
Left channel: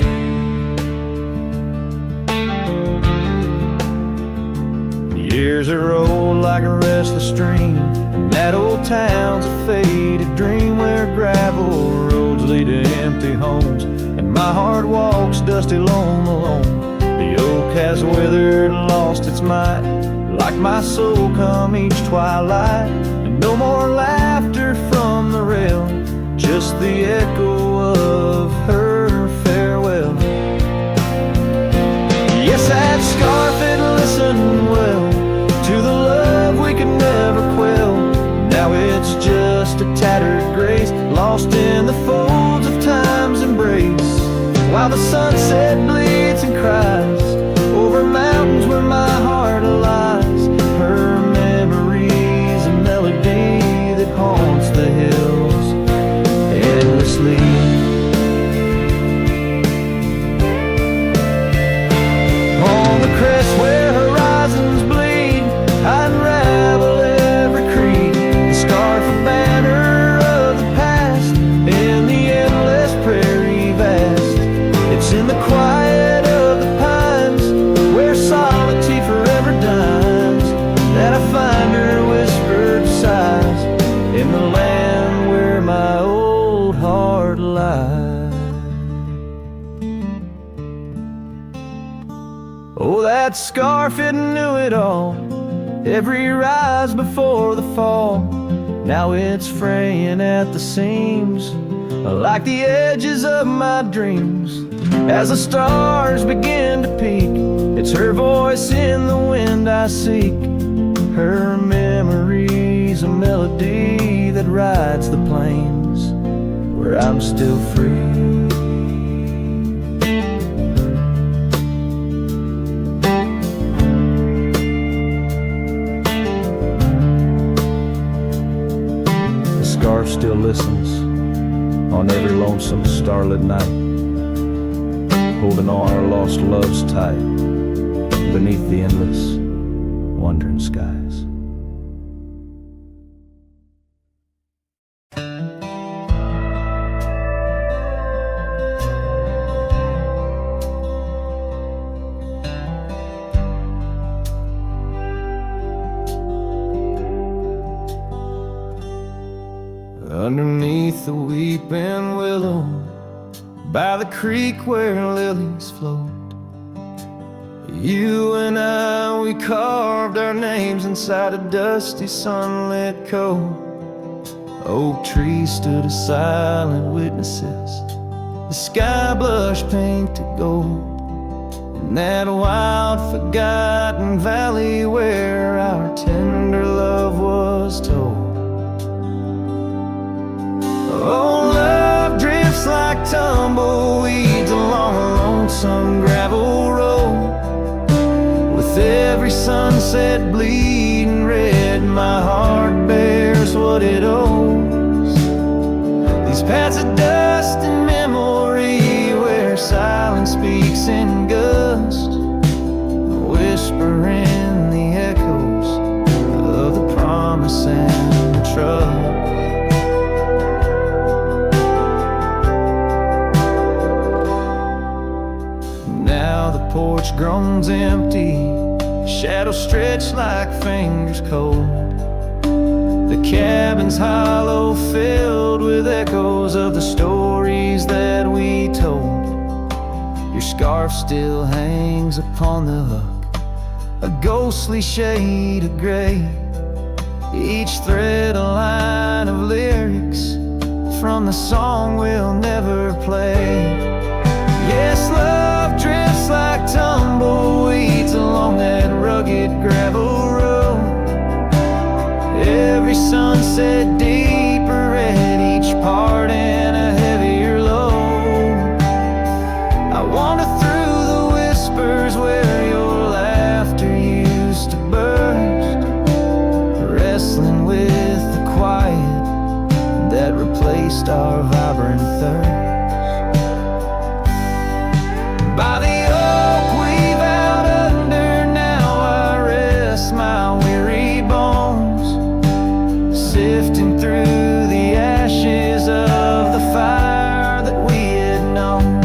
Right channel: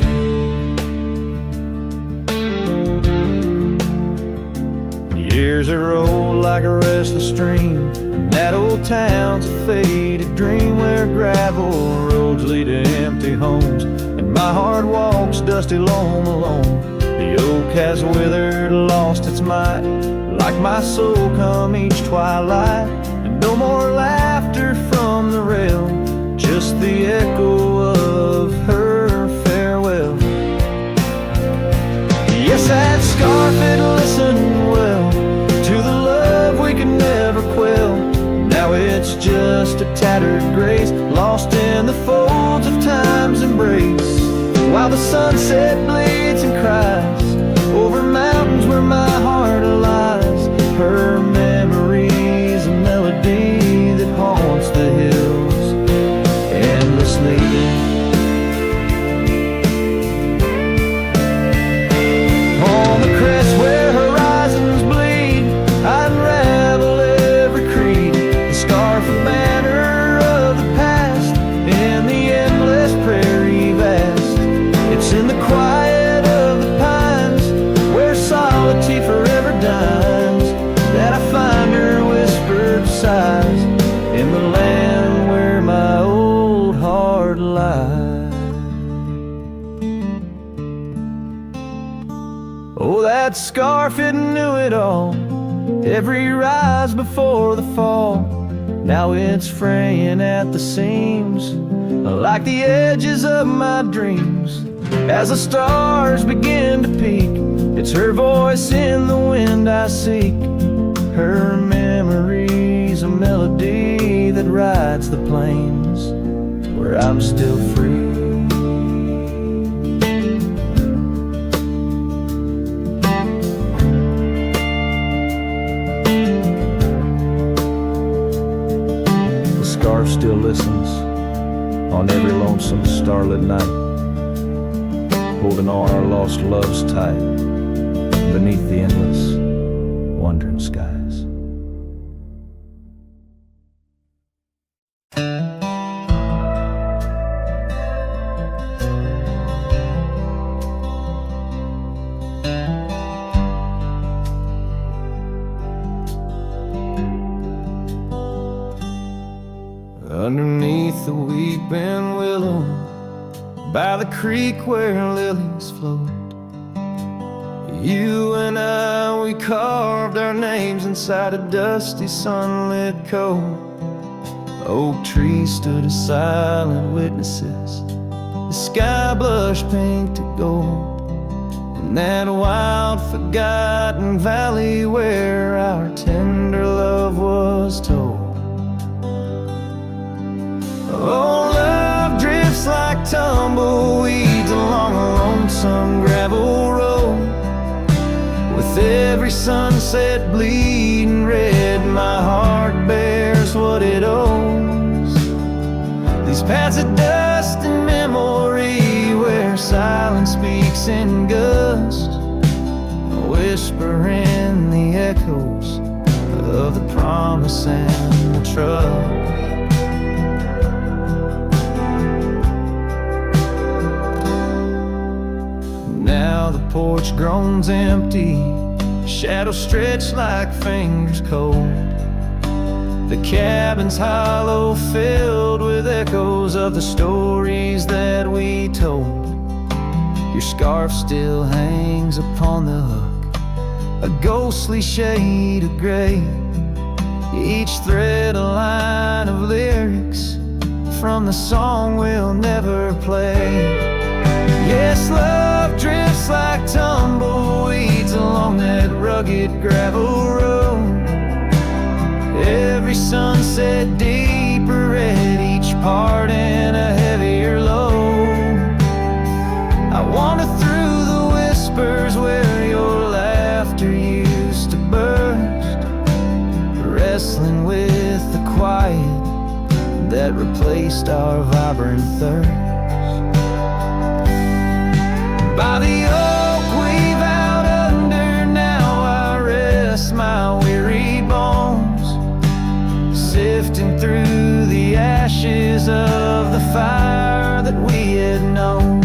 Years are rolled like a restless stream, and that old town's a faded dream where gravel roads lead to empty homes, and my heart walks dusty lone alone. The oak has withered, lost its might, like my soul come each twilight. And no more laughter from the rail, just the echo of her farewell. Yes, that scarf, it listened well to the love we could never quell. Now it's just a tattered grace, lost in the folds of time's embrace, while the sunset bleeds and cries over mountains where my heart lies. Her memory's a melody that haunts the hills endlessly. On the crest where horizons bleed, I unravel every creed, the scarf, a banner of the past in the endless prairie vast. It's in the quiet of the pines where solitude forever dines, that I find her whispered sighs in the land where my old heart lies. Oh, that scarf, it knew it all, every rise before the fall. Now it's fraying at the seams, like the edges of my dreams. As the stars begin to peak, it's her voice in the wind I seek. Her memory's a melody that rides the plains where I'm still free. Scarf still listens on every lonesome starlit night, holding all our lost loves tight beneath the endless wandering skies. Underneath the weeping willow, by the creek where lilies float, you and I, we carved our names inside a dusty sunlit cove. Oak trees stood as silent witnesses, the sky blushed pink to gold, in that wild, forgotten valley where our tender love was told. Oh, love drifts like tumbleweeds along a lonesome gravel road. With every sunset bleeding red, my heart bears what it owes. These paths of dust and memory where silence speaks in gust, a whisper in the echoes of the promise and the trust. Now the porch groans empty, shadows stretch like fingers cold. The cabin's hollow, filled with echoes of the stories that we told. Your scarf still hangs upon the hook, a ghostly shade of gray, each thread a line of lyrics from the song we'll never play. Yes, love drifts like tumbleweeds along that rugged gravel road. Every sunset deeper red, each part in a heavier load. I wander through the whispers where your laughter used to burst, wrestling with the quiet that replaced our vibrant thirst. By the oak we vowed under, now I rest my weary bones, sifting through the ashes of the fire that we had known.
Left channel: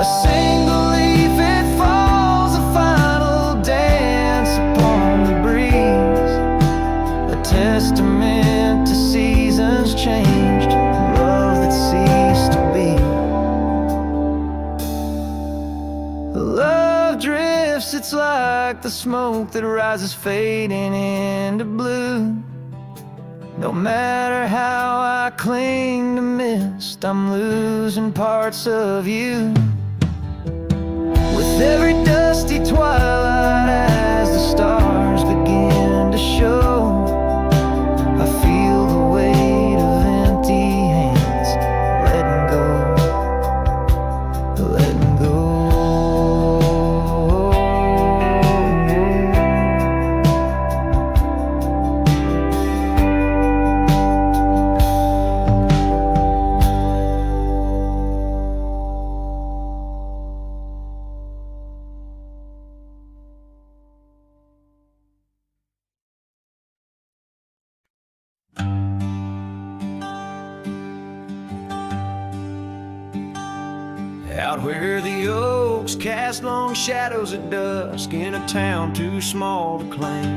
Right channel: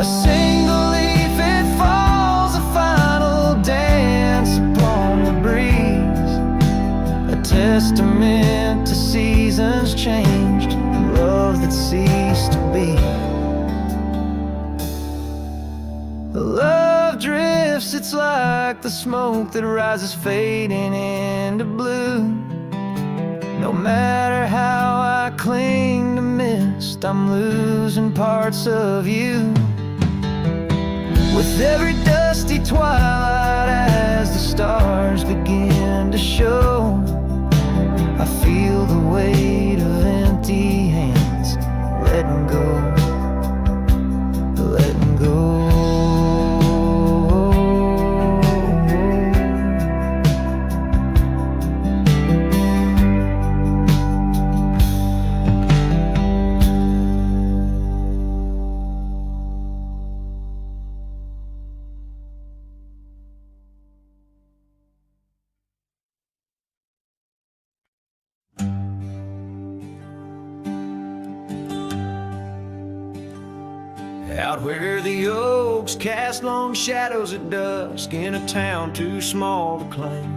A single leaf, it falls, a final dance upon the breeze, a testament to seasons changed, love that ceased to be. Love drifts, it's like the smoke that rises fading into blue. No matter how I cling to mist, I'm losing parts of you. With every dusty twilight as the stars begin to show, I feel the weight of empty hands, letting go, letting go. Out where the oaks cast long shadows at dusk, in a town too small to claim,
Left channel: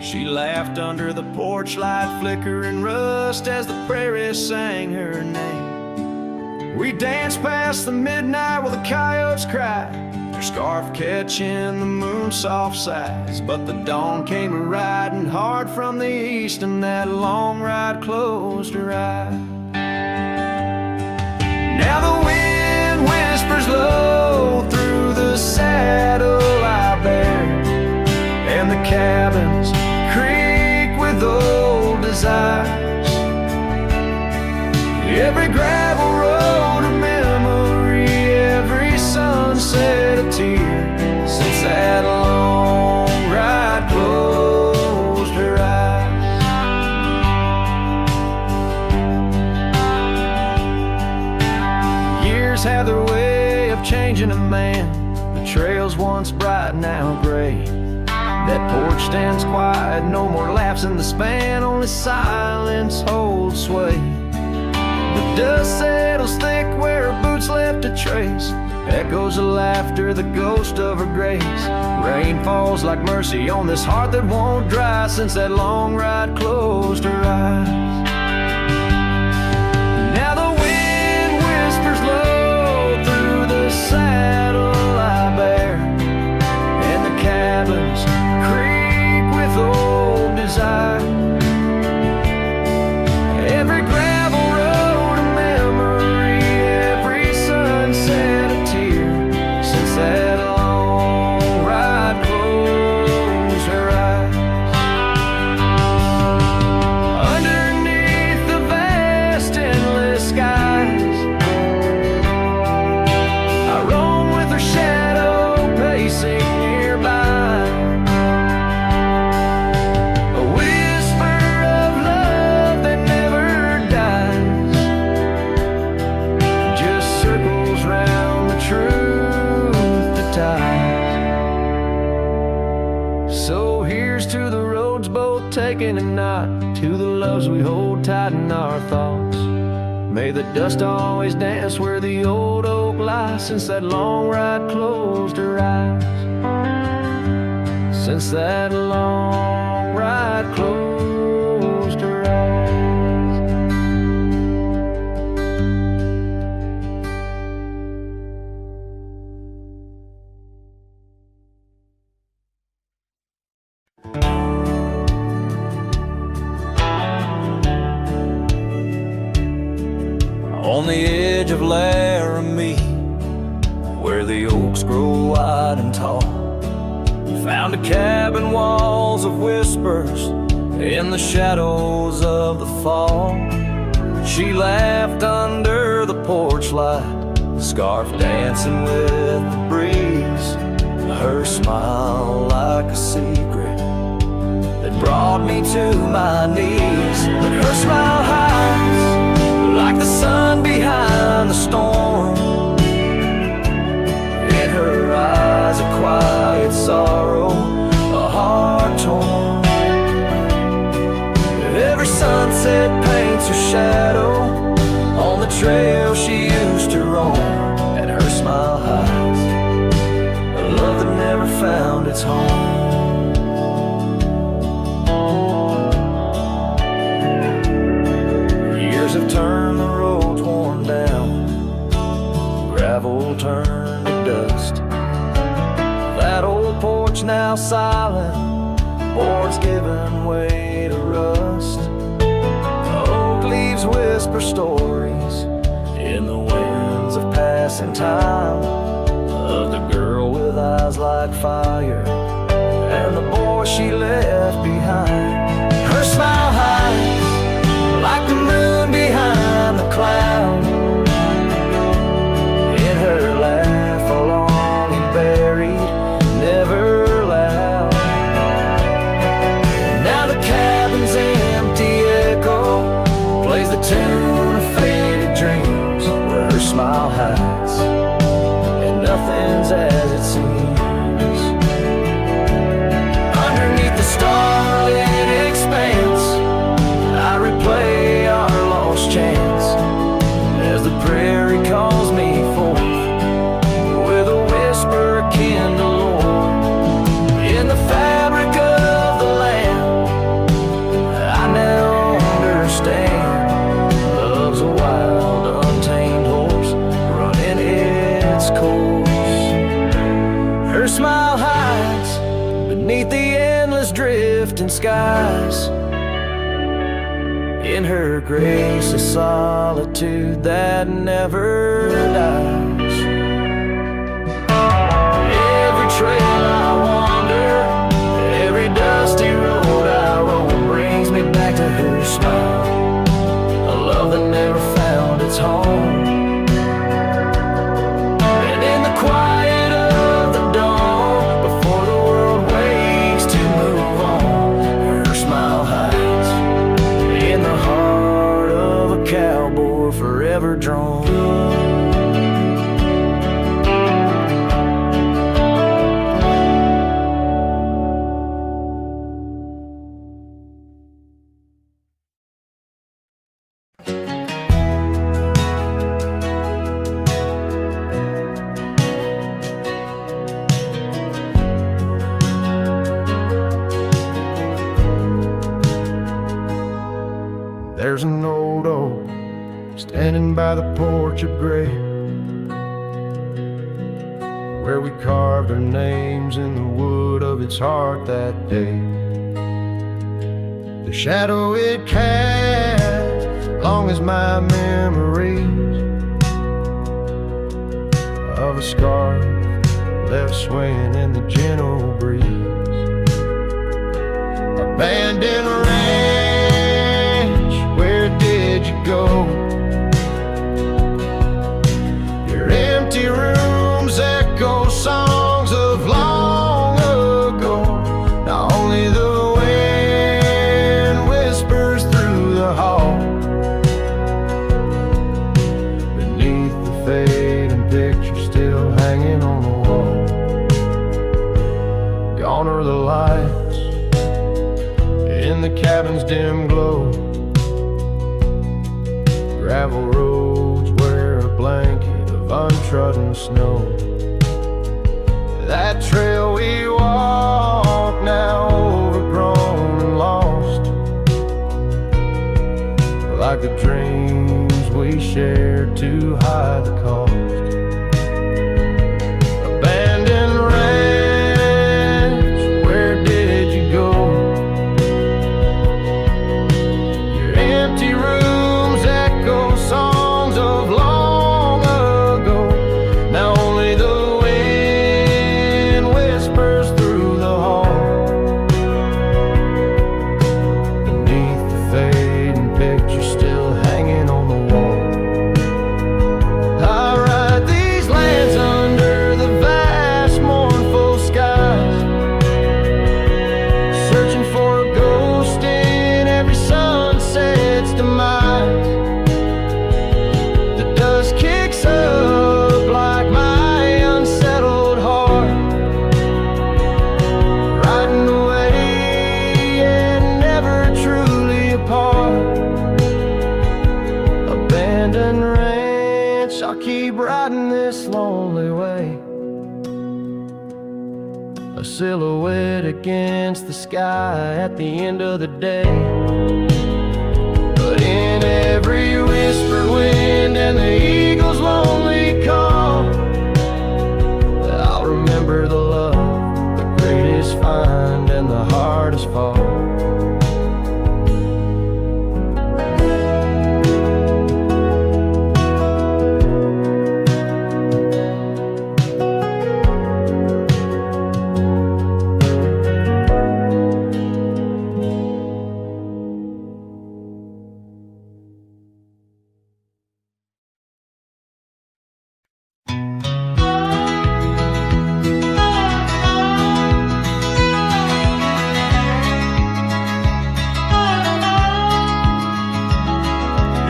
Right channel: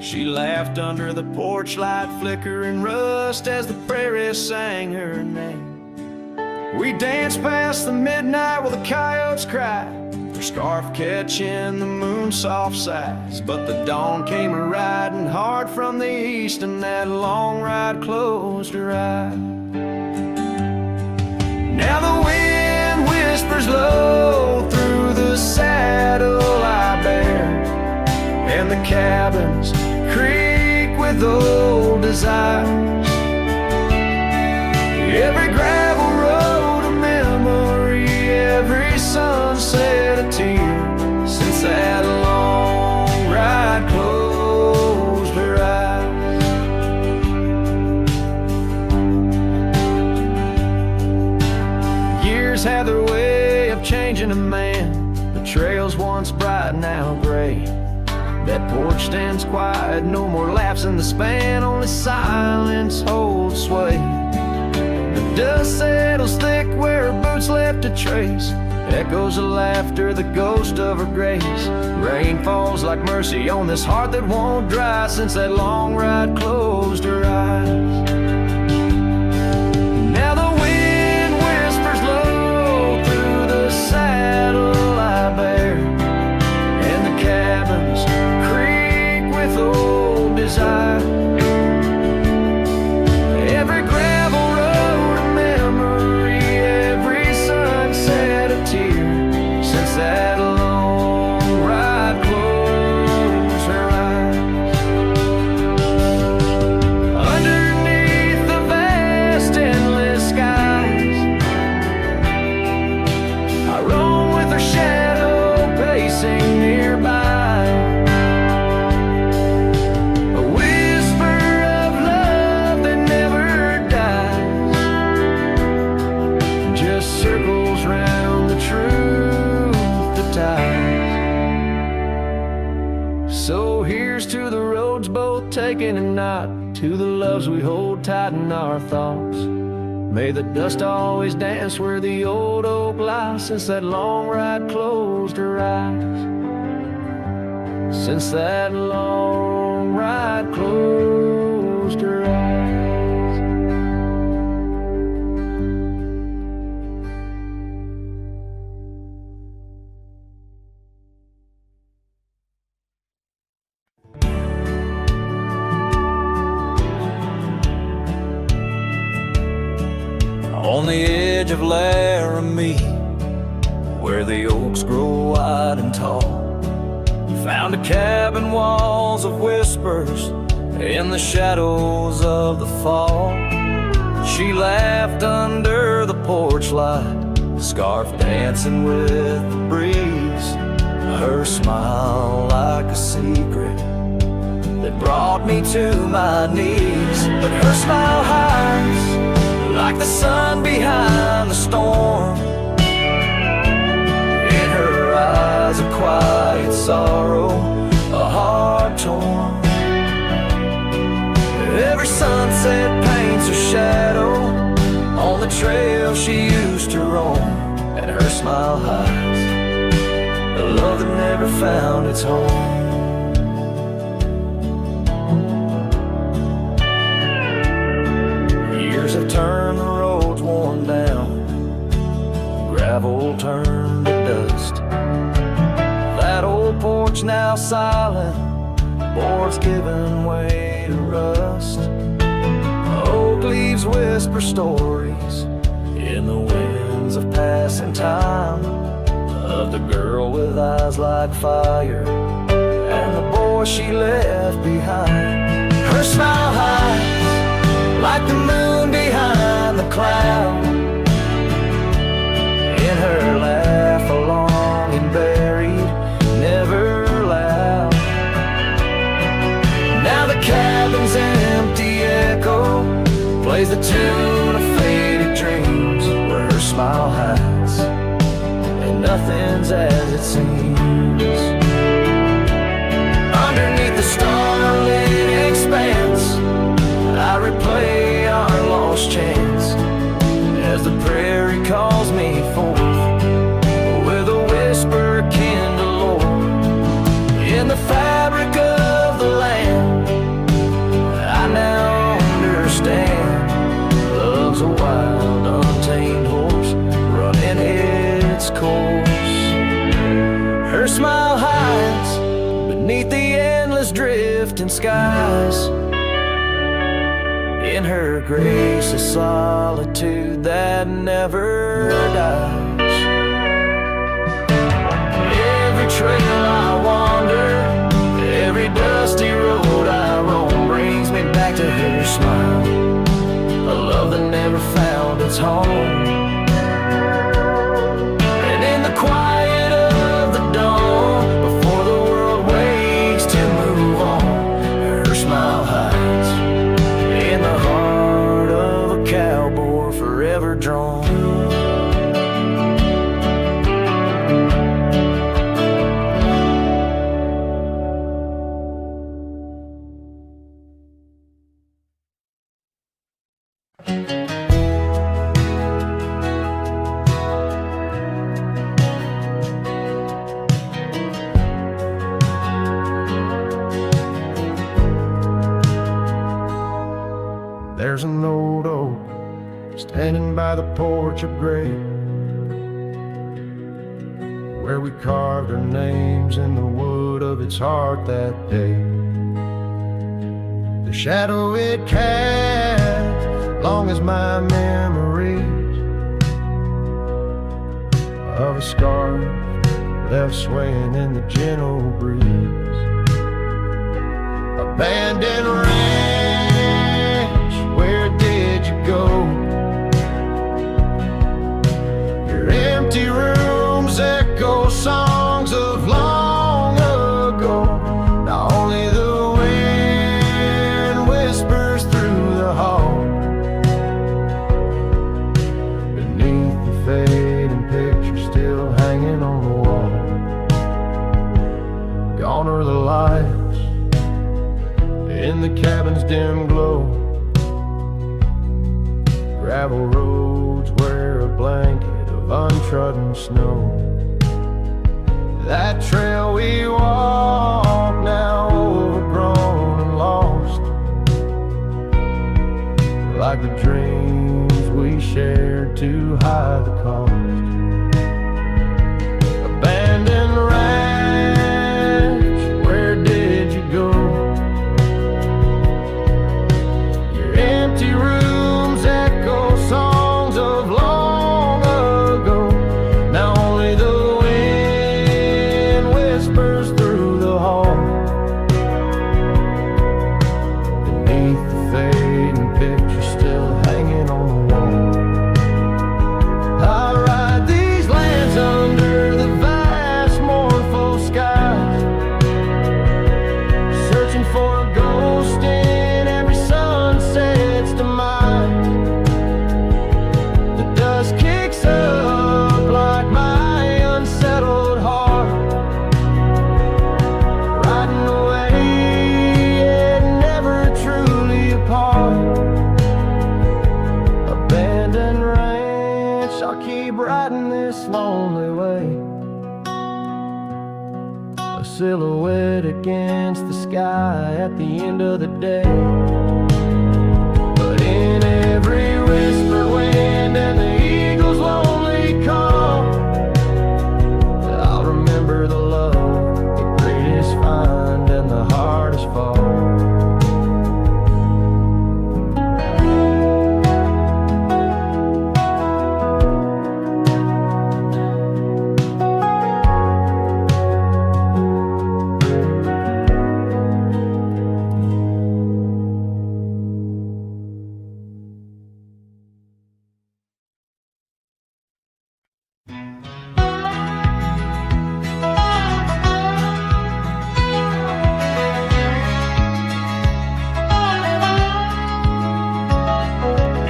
she laughed under the porch light flicker and rust as the prairie sang her name. We danced past the midnight while the coyotes cried, their scarf catching the moon's soft sighs. But the dawn came a-riding hard from the east, and that long ride closed her eyes. Now the wind whispers low through the saddle I bear, and the cabins creak with old desires. Every gravel road a memory, every sunset a tear, since that long ride closed her eyes. Years have their way of changing a man, the trails once bright, now gray. That porch stands quiet, no more laughs in the span, only silence holds sway. The dust settles thick where her boots left a trace, echoes of laughter, the ghost of her grace. Rain falls like mercy on this heart that won't dry, since that long ride closed her eyes. Now the wind whispers low through the saddle I bear, and the cabins creak with old desire. Every gravel road a memory, every sunset a tear, since that long ride closed her eyes. Underneath the vast endless skies, I roam with her shadow pacing nearby. A whisper of love that never dies, just circles round the truth that ties. So here's to the roads both taken and not, to the loves we hold tight in our thoughts. May the dust always dance where the old oak lies, since that long ride closed her eyes. Since that long ride closed her eyes. On the edge of Laramie, where the oaks grow wide and tall, found a cabin, walls of whispers in the shadows of the fall. She laughed under the porch light, scarf dancing with the breeze, her smile like a secret that brought me to my knees. But her smile hides like the sun behind the storm. In her eyes a quiet sorrow, a heart torn. Every sunset paints her shadow on the trail she used to roam. And her smile hides a love that never found its home. Years have turned the roads worn down, gravel turned to dust. That old porch now silent, boards giving way to rust. Oak leaves whisper stories in the winds of passing time, of the girl with eyes like fire and the boy she left behind. Her smile hides like the moon behind the cloud. In her laugh a longing buried, never loud. Now the cabin's empty echo plays the tune of faded dreams, where her smile hides and nothing's as it seems. Underneath the starlit expanse, I replay our lost chance as the prairie calls me forth with a whisper akin to lore. In the fabric of the land, I now understand love's a wild, untamed horse running its course. Her smile hides beneath the endless drifting skies. In her grace a solitude that never dies. Every trail I wander, every dusty road I roam, brings me back to her smile, a love that never found its home. And in the quiet of the dawn, before the world wakes to move on, her smile hides in the heart of a cowboy forever drawn. There's an old oak standing by the porch of gray, where we carved our names in the wood of its heart that day. The shadow it casts, long as my memories of a scarf left swaying in the gentle breeze. Abandoned ranch, where did you go? Your empty rooms echo songs of long ago. Now only the wind whispers through the hall. Beneath the fading picture still hanging on the wall. Gone are the lights in the cabin's dim glow. Gravel roads wear a blanket of untrodden snow. That trail we walk now overgrown and lost, like the dreams we shared to hide the cost. Abandoned ranch, where did you go? Your empty rooms echo songs of long ago. Now only the wind whispers through the hall. Beneath the fading picture still hanging on the wall. I ride these lands under the vast mournful skies, searching for a ghost in every sunset's demise. The dust kicks up like my unsettled heart, riding away and never truly apart. Abandoned ranch, I'll keep riding this lonely way, a silhouette against the sky at the end of the day. But in every whispered wind and the eagle's lonely call, I'll remember the love, the greatest find and the hardest fall.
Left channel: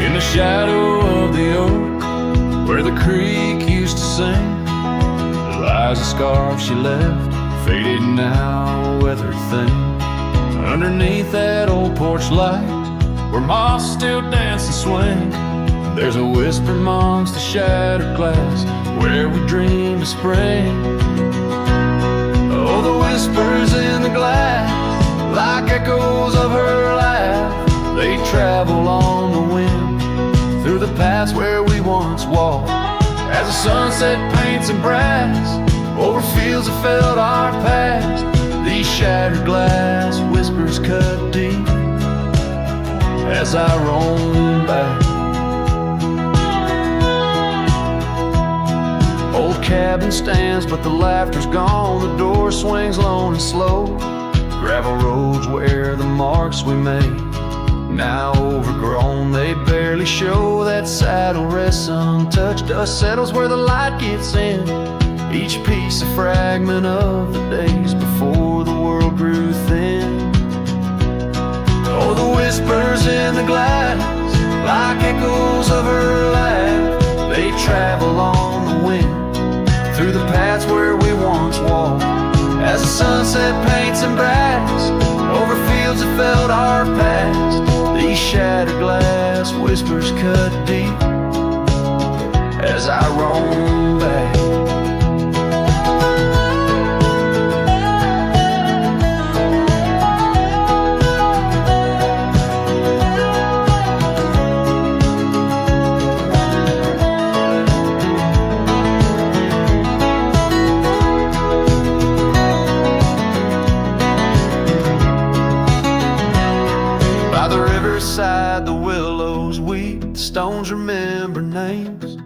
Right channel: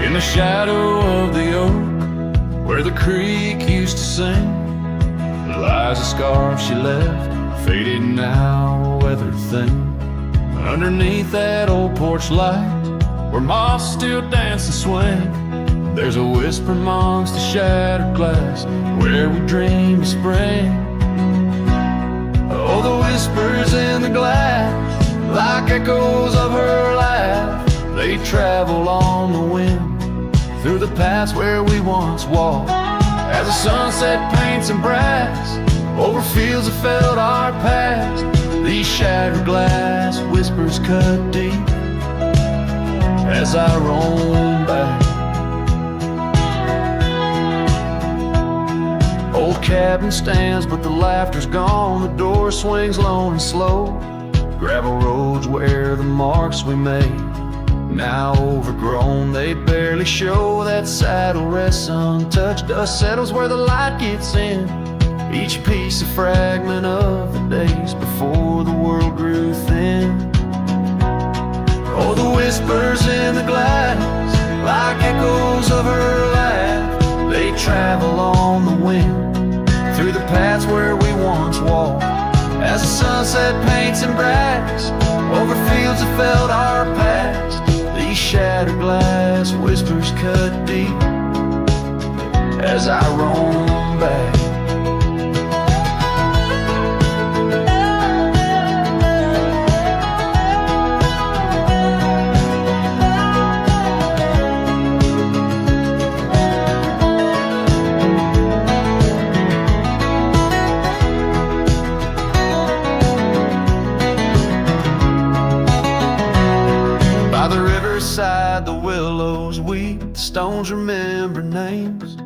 In the shadow of the oak, where the creek used to sing, lies a scarf she left, faded now, a weathered thing. Underneath that old porch light, where moths still dance and swing, there's a whisper amongst the shattered glass, where we dreamed of spring. Oh, the whispers in the glass, like echoes of her laugh, they travel on the wind through the paths where we once walked. As the sunset paints in brass over fields that felt our past, these shattered glass whispers cut deep as I roam back. Old cabin stands, but the laughter's gone. The door swings lone and slow. Gravel roads where the marks we made, now overgrown, they barely show. That saddle rests untouched, dust settles where the light gets in. Each piece a fragment of the days before the world grew thin. Oh, the whispers in the glass, like echoes of her laugh, they travel on the wind through the paths where we once walked. As the sunset paints in brass over fields that felt our past, these shattered glass whispers cut deep as I roam back. By the riverside, the willows weep, the stones remember names.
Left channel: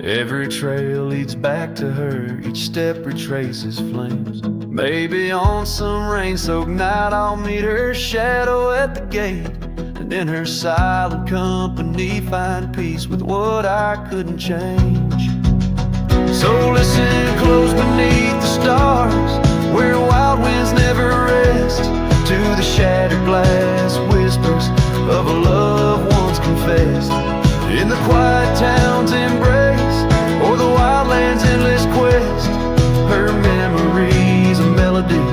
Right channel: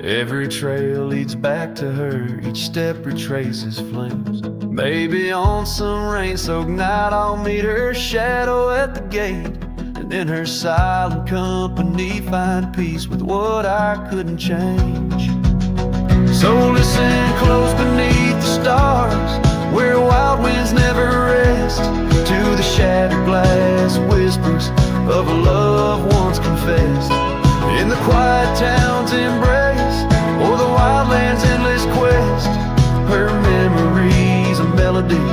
Every trail leads back to her, each step retraces flames. Maybe on some rain-soaked night I'll meet her shadow at the gate, and in her silent company find peace with what I couldn't change. So listen close beneath the stars, where wild winds never rest, to the shattered glass whispers of a love once confessed. In the quiet town's embrace, or the wildland's endless quest, her memory's a melody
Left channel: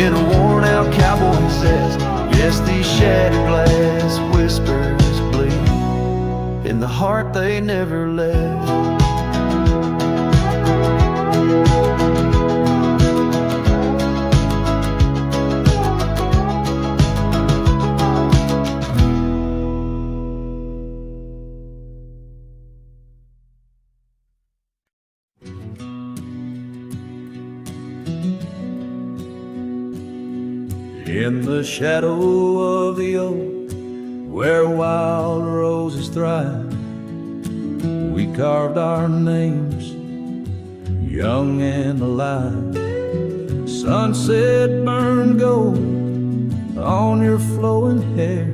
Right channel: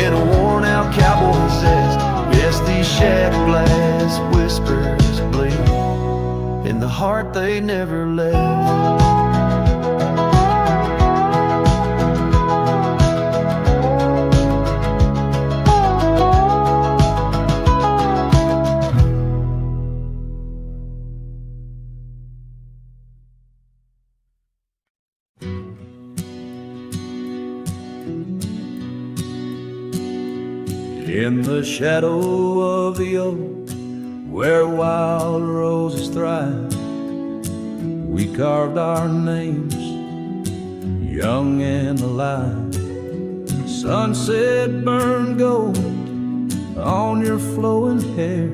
in a worn-out cowboy zest. Yes, these shattered glass whispers bleed in the heart they never left. In the shadow of the oak, where wild roses thrive, we carved our names, young and alive. Sunset burned gold on your flowing hair,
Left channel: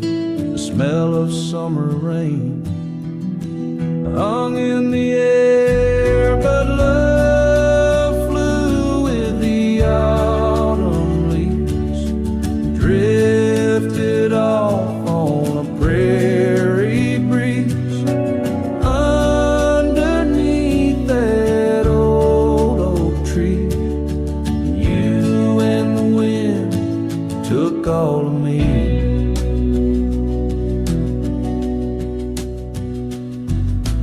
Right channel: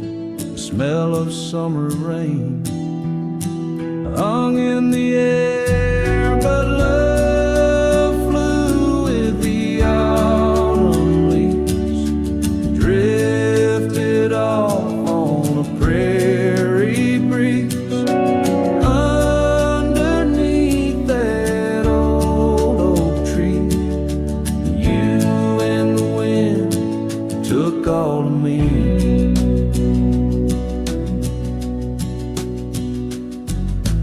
the smell of summer rain hung in the air, but love flew with the autumn leaves, drifted off on a prairie breeze. Underneath that old oak tree, you and the wind took all of me.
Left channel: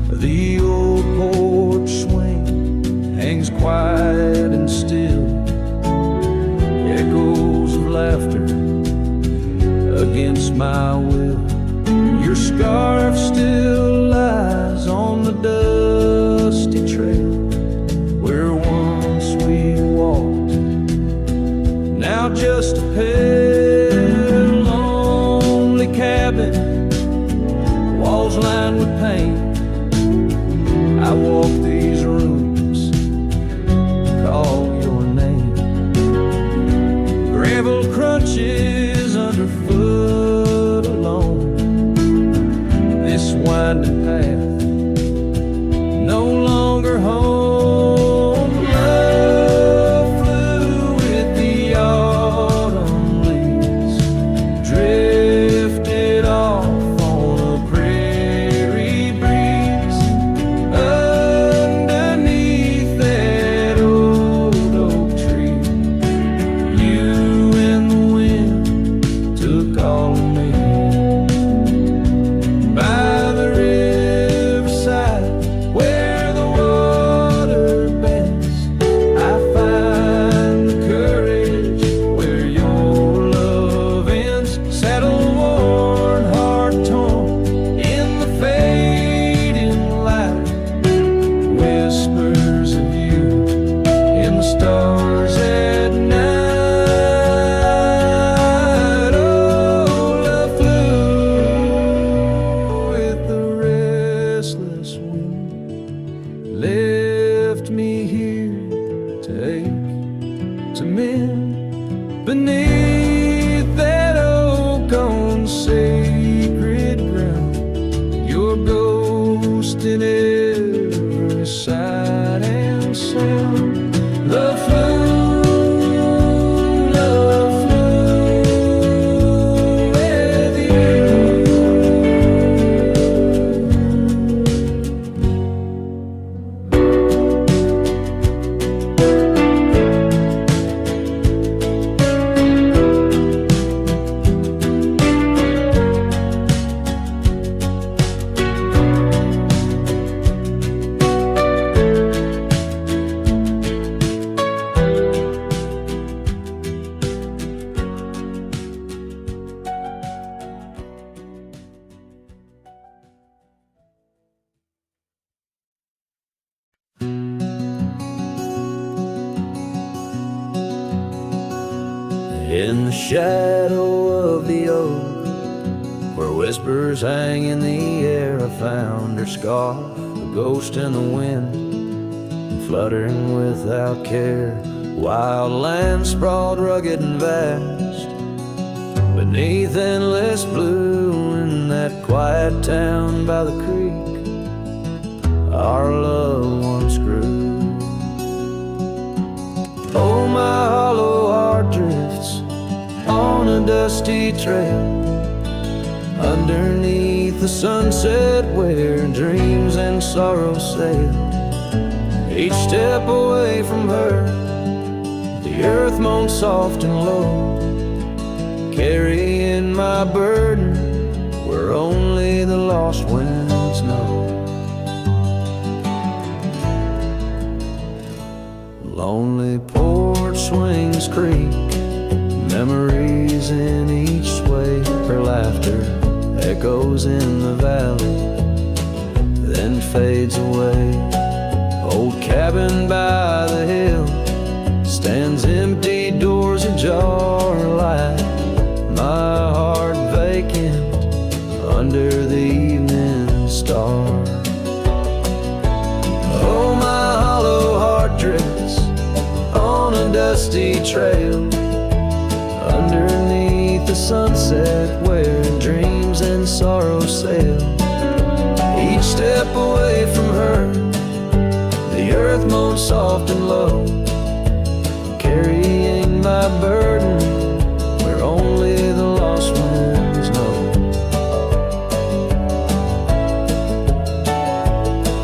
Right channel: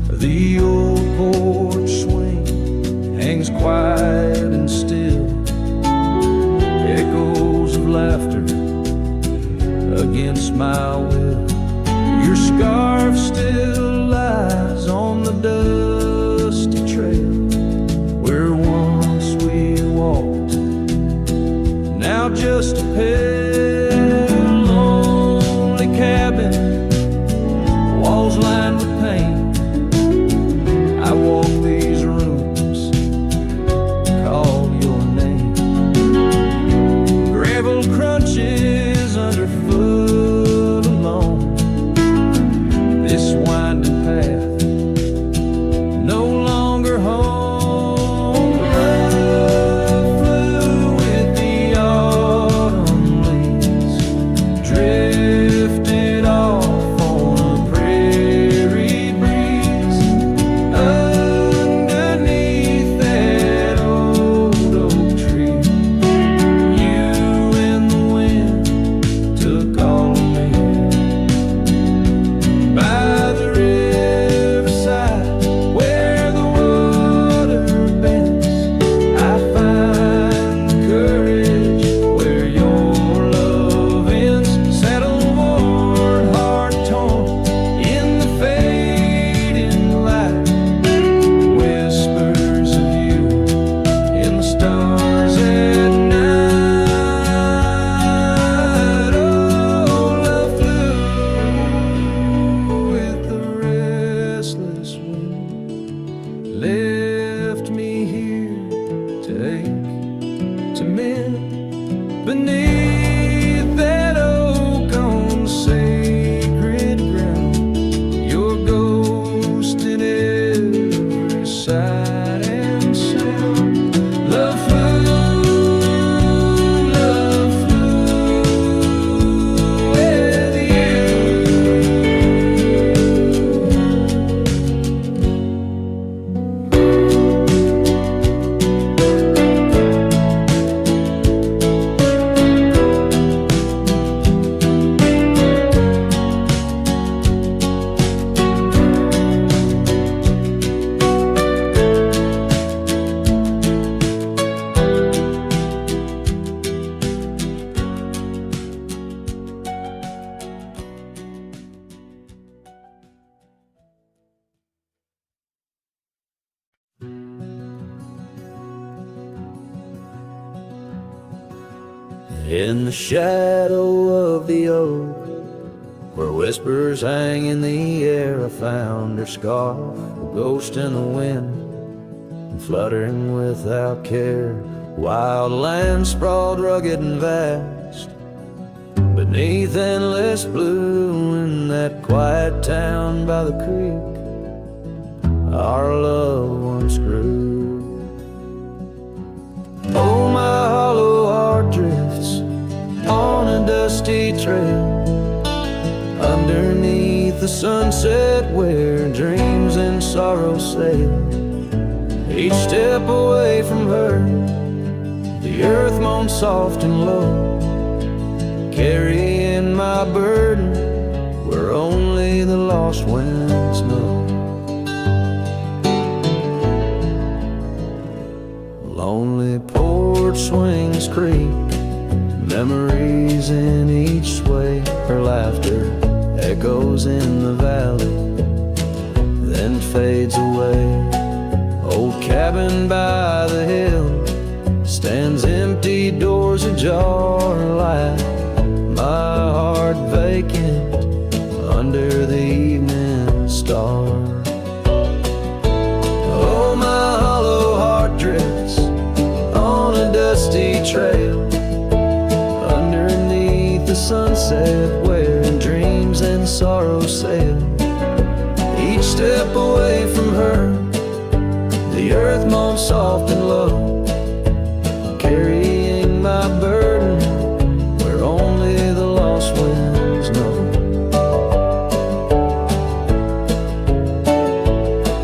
The old porch swing hangs quiet and still, echoes of laughter against my will. Your scarf still lies on the dusty trail where once we walked, now just a pale, lonely cabin, walls lined with paint. I walk these rooms, call your name. Gravel crunches underfoot alone. This winding path, no longer home. Love flew with the autumn leaves, drifted off on a prairie breeze. Underneath that old oak tree, you and the wind took all of me. By the riverside, where the water bends, I find the courage where your love ends. Saddle worn, heart torn, in the fading light, whispers of you in the stars at night. Oh, love flew with the restless wind, left me here to ache, to mend. Beneath that oak on sacred ground, your ghost in every sight and sound. Love flew with you. In the shadow of the oak, Where whispers hang in the air, I found her scarf, a ghost in the wind, and fluttering without care. Wild land sprawled rugged and vast, beneath endless blue. In that quiet town by the creek, our loved ones grew. Oh, my hollow heart drifts on a dusty trail, underneath the sunset where dreams and sorrow sail. Each step away from her, the earth moans soft and low, carrying my burden where only the lost winds know. Lonely porch swings creak, memories in each sway. Her laughter echoes in the valley, then fades away. Old cabin by the hill stands empty, doors ajar, like my heart vacant under the evening star. Oh, my hollow heart drifts on a dusty trail, underneath the sunset where dreams and sorrow sail. Each step away from her, the earth moans soft and low, carrying my burden where only the lost winds know.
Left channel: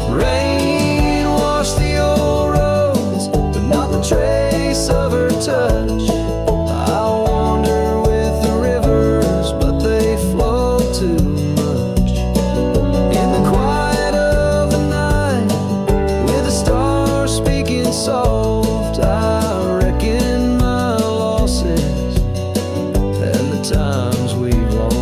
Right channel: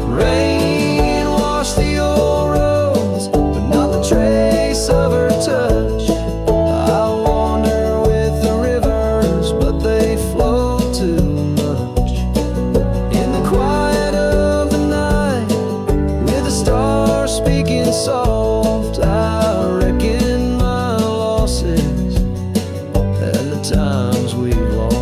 Rain washed the old roads, but not the trace of her touch. I'll wander with the rivers, but they flow too much. In the quiet of the night, with the stars speaking soft, I reckon my losses and the times we've lost.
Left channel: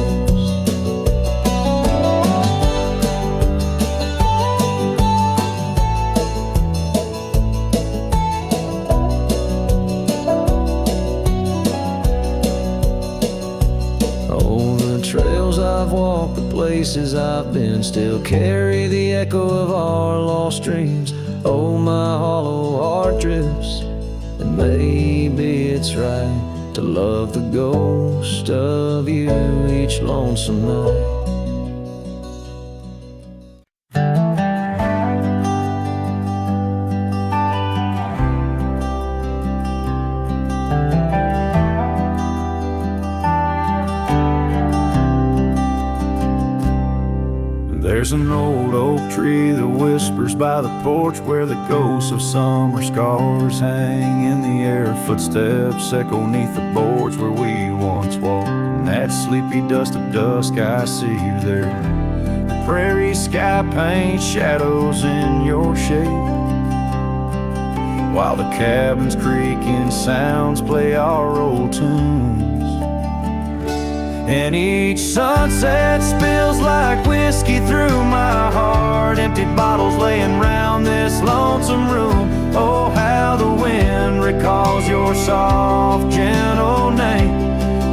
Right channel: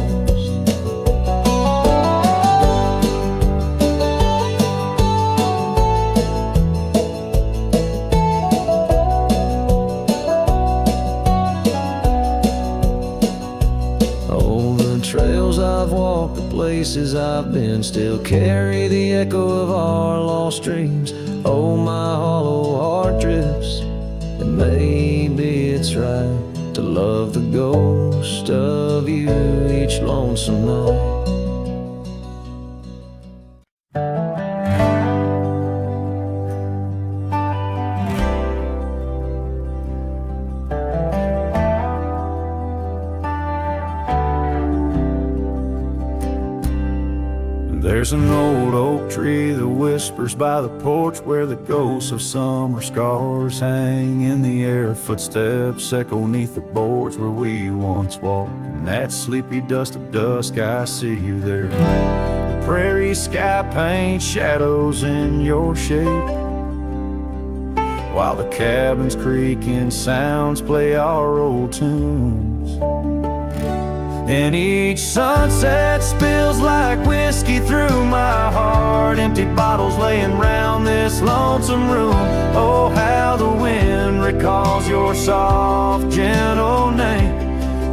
Oh, the trails I've walked, the places I've been, still carry the echo of our lost dreams. Oh, my hollow heart drifts, and maybe it's right to love the ghost of you each lonesome night. There's an old oak tree that whispers by the porch, where the ghosts of summer scars hang in the air. Footsteps echo neath the boards where we once walked. In that sleepy dust of dusk, I see you there. The prairie sky paints shadows in your shape, while the cabin's creaking sounds play our old tunes. And each sunset spills like whiskey through my heart, empty bottles laying round this lonesome room. Oh, how the wind recalls your soft, gentle name.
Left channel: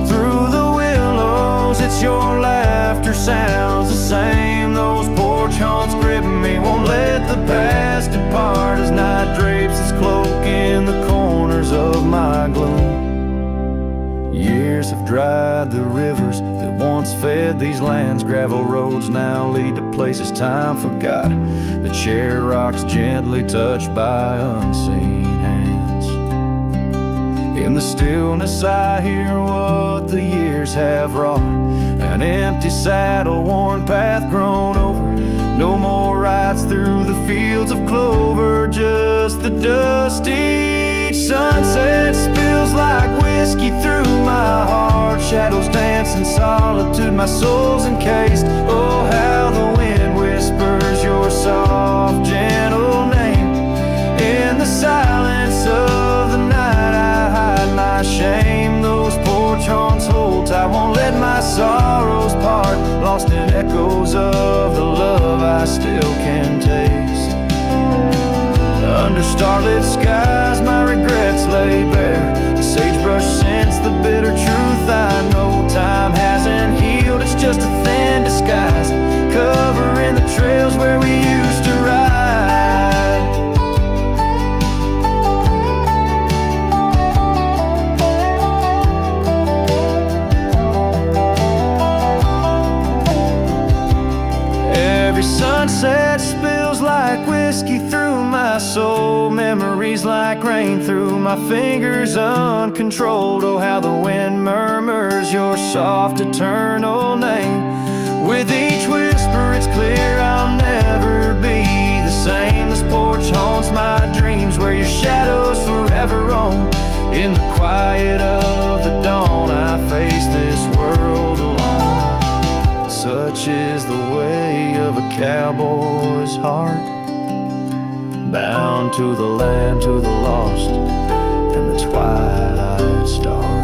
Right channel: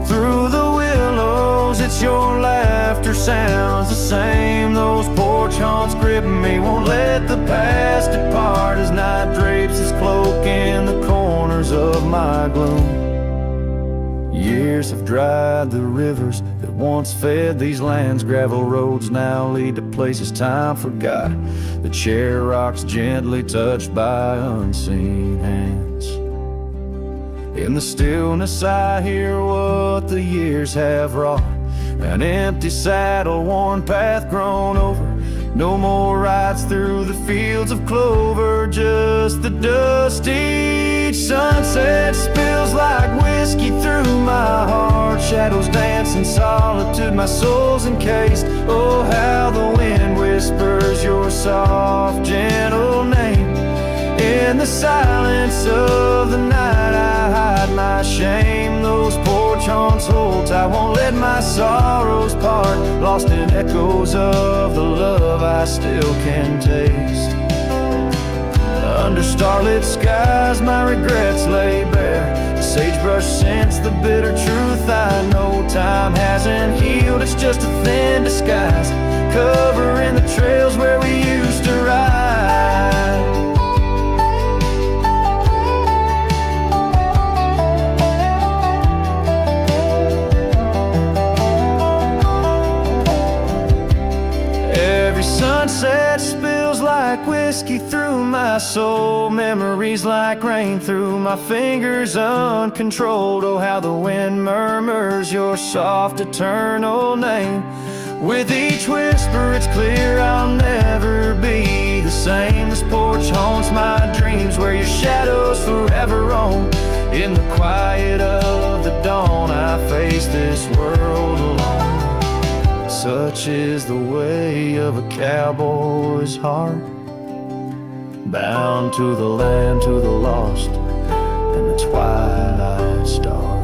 Through the willows, it's your laughter sounds the same. Those porch haunts grip me, won't let the past depart, as night drapes its cloak in the corners of my gloom. Years have dried the rivers that once fed these lands. Gravel roads now lead to places time forgot. The chair rocks gently touched by unseen hands. In the stillness I hear what the years have wrought. An empty saddle, worn path grown over. No more rides through the fields of clover, just the dusty sunset spills like whiskey through my heart. Shadows dance in solitude, my soul's encased. Oh, how the wind whispers your soft, gentle name. In the silence of the night I hide my shame. Those porch haunts hold tight, won't let my sorrows part. Lost in echoes of the love I still can taste. Under starlit skies my regrets lay bare. The sagebrush scents the bitter truth I know. Time hasn't healed, it's just a thin disguise, covering the trails where we used to ride. Every sunset spills like whiskey through my soul. Memories like rain through my fingers uncontrolled. Oh, how the wind murmurs your soft eternal name. With each whisper it's clear I'll never be the same. This porch haunts my dreams where your shadows forever roam. In the quiet of the dawn I face this world alone. Such is the way of a cowboy's heart, bound to the land, to the lost, and the twilight stars.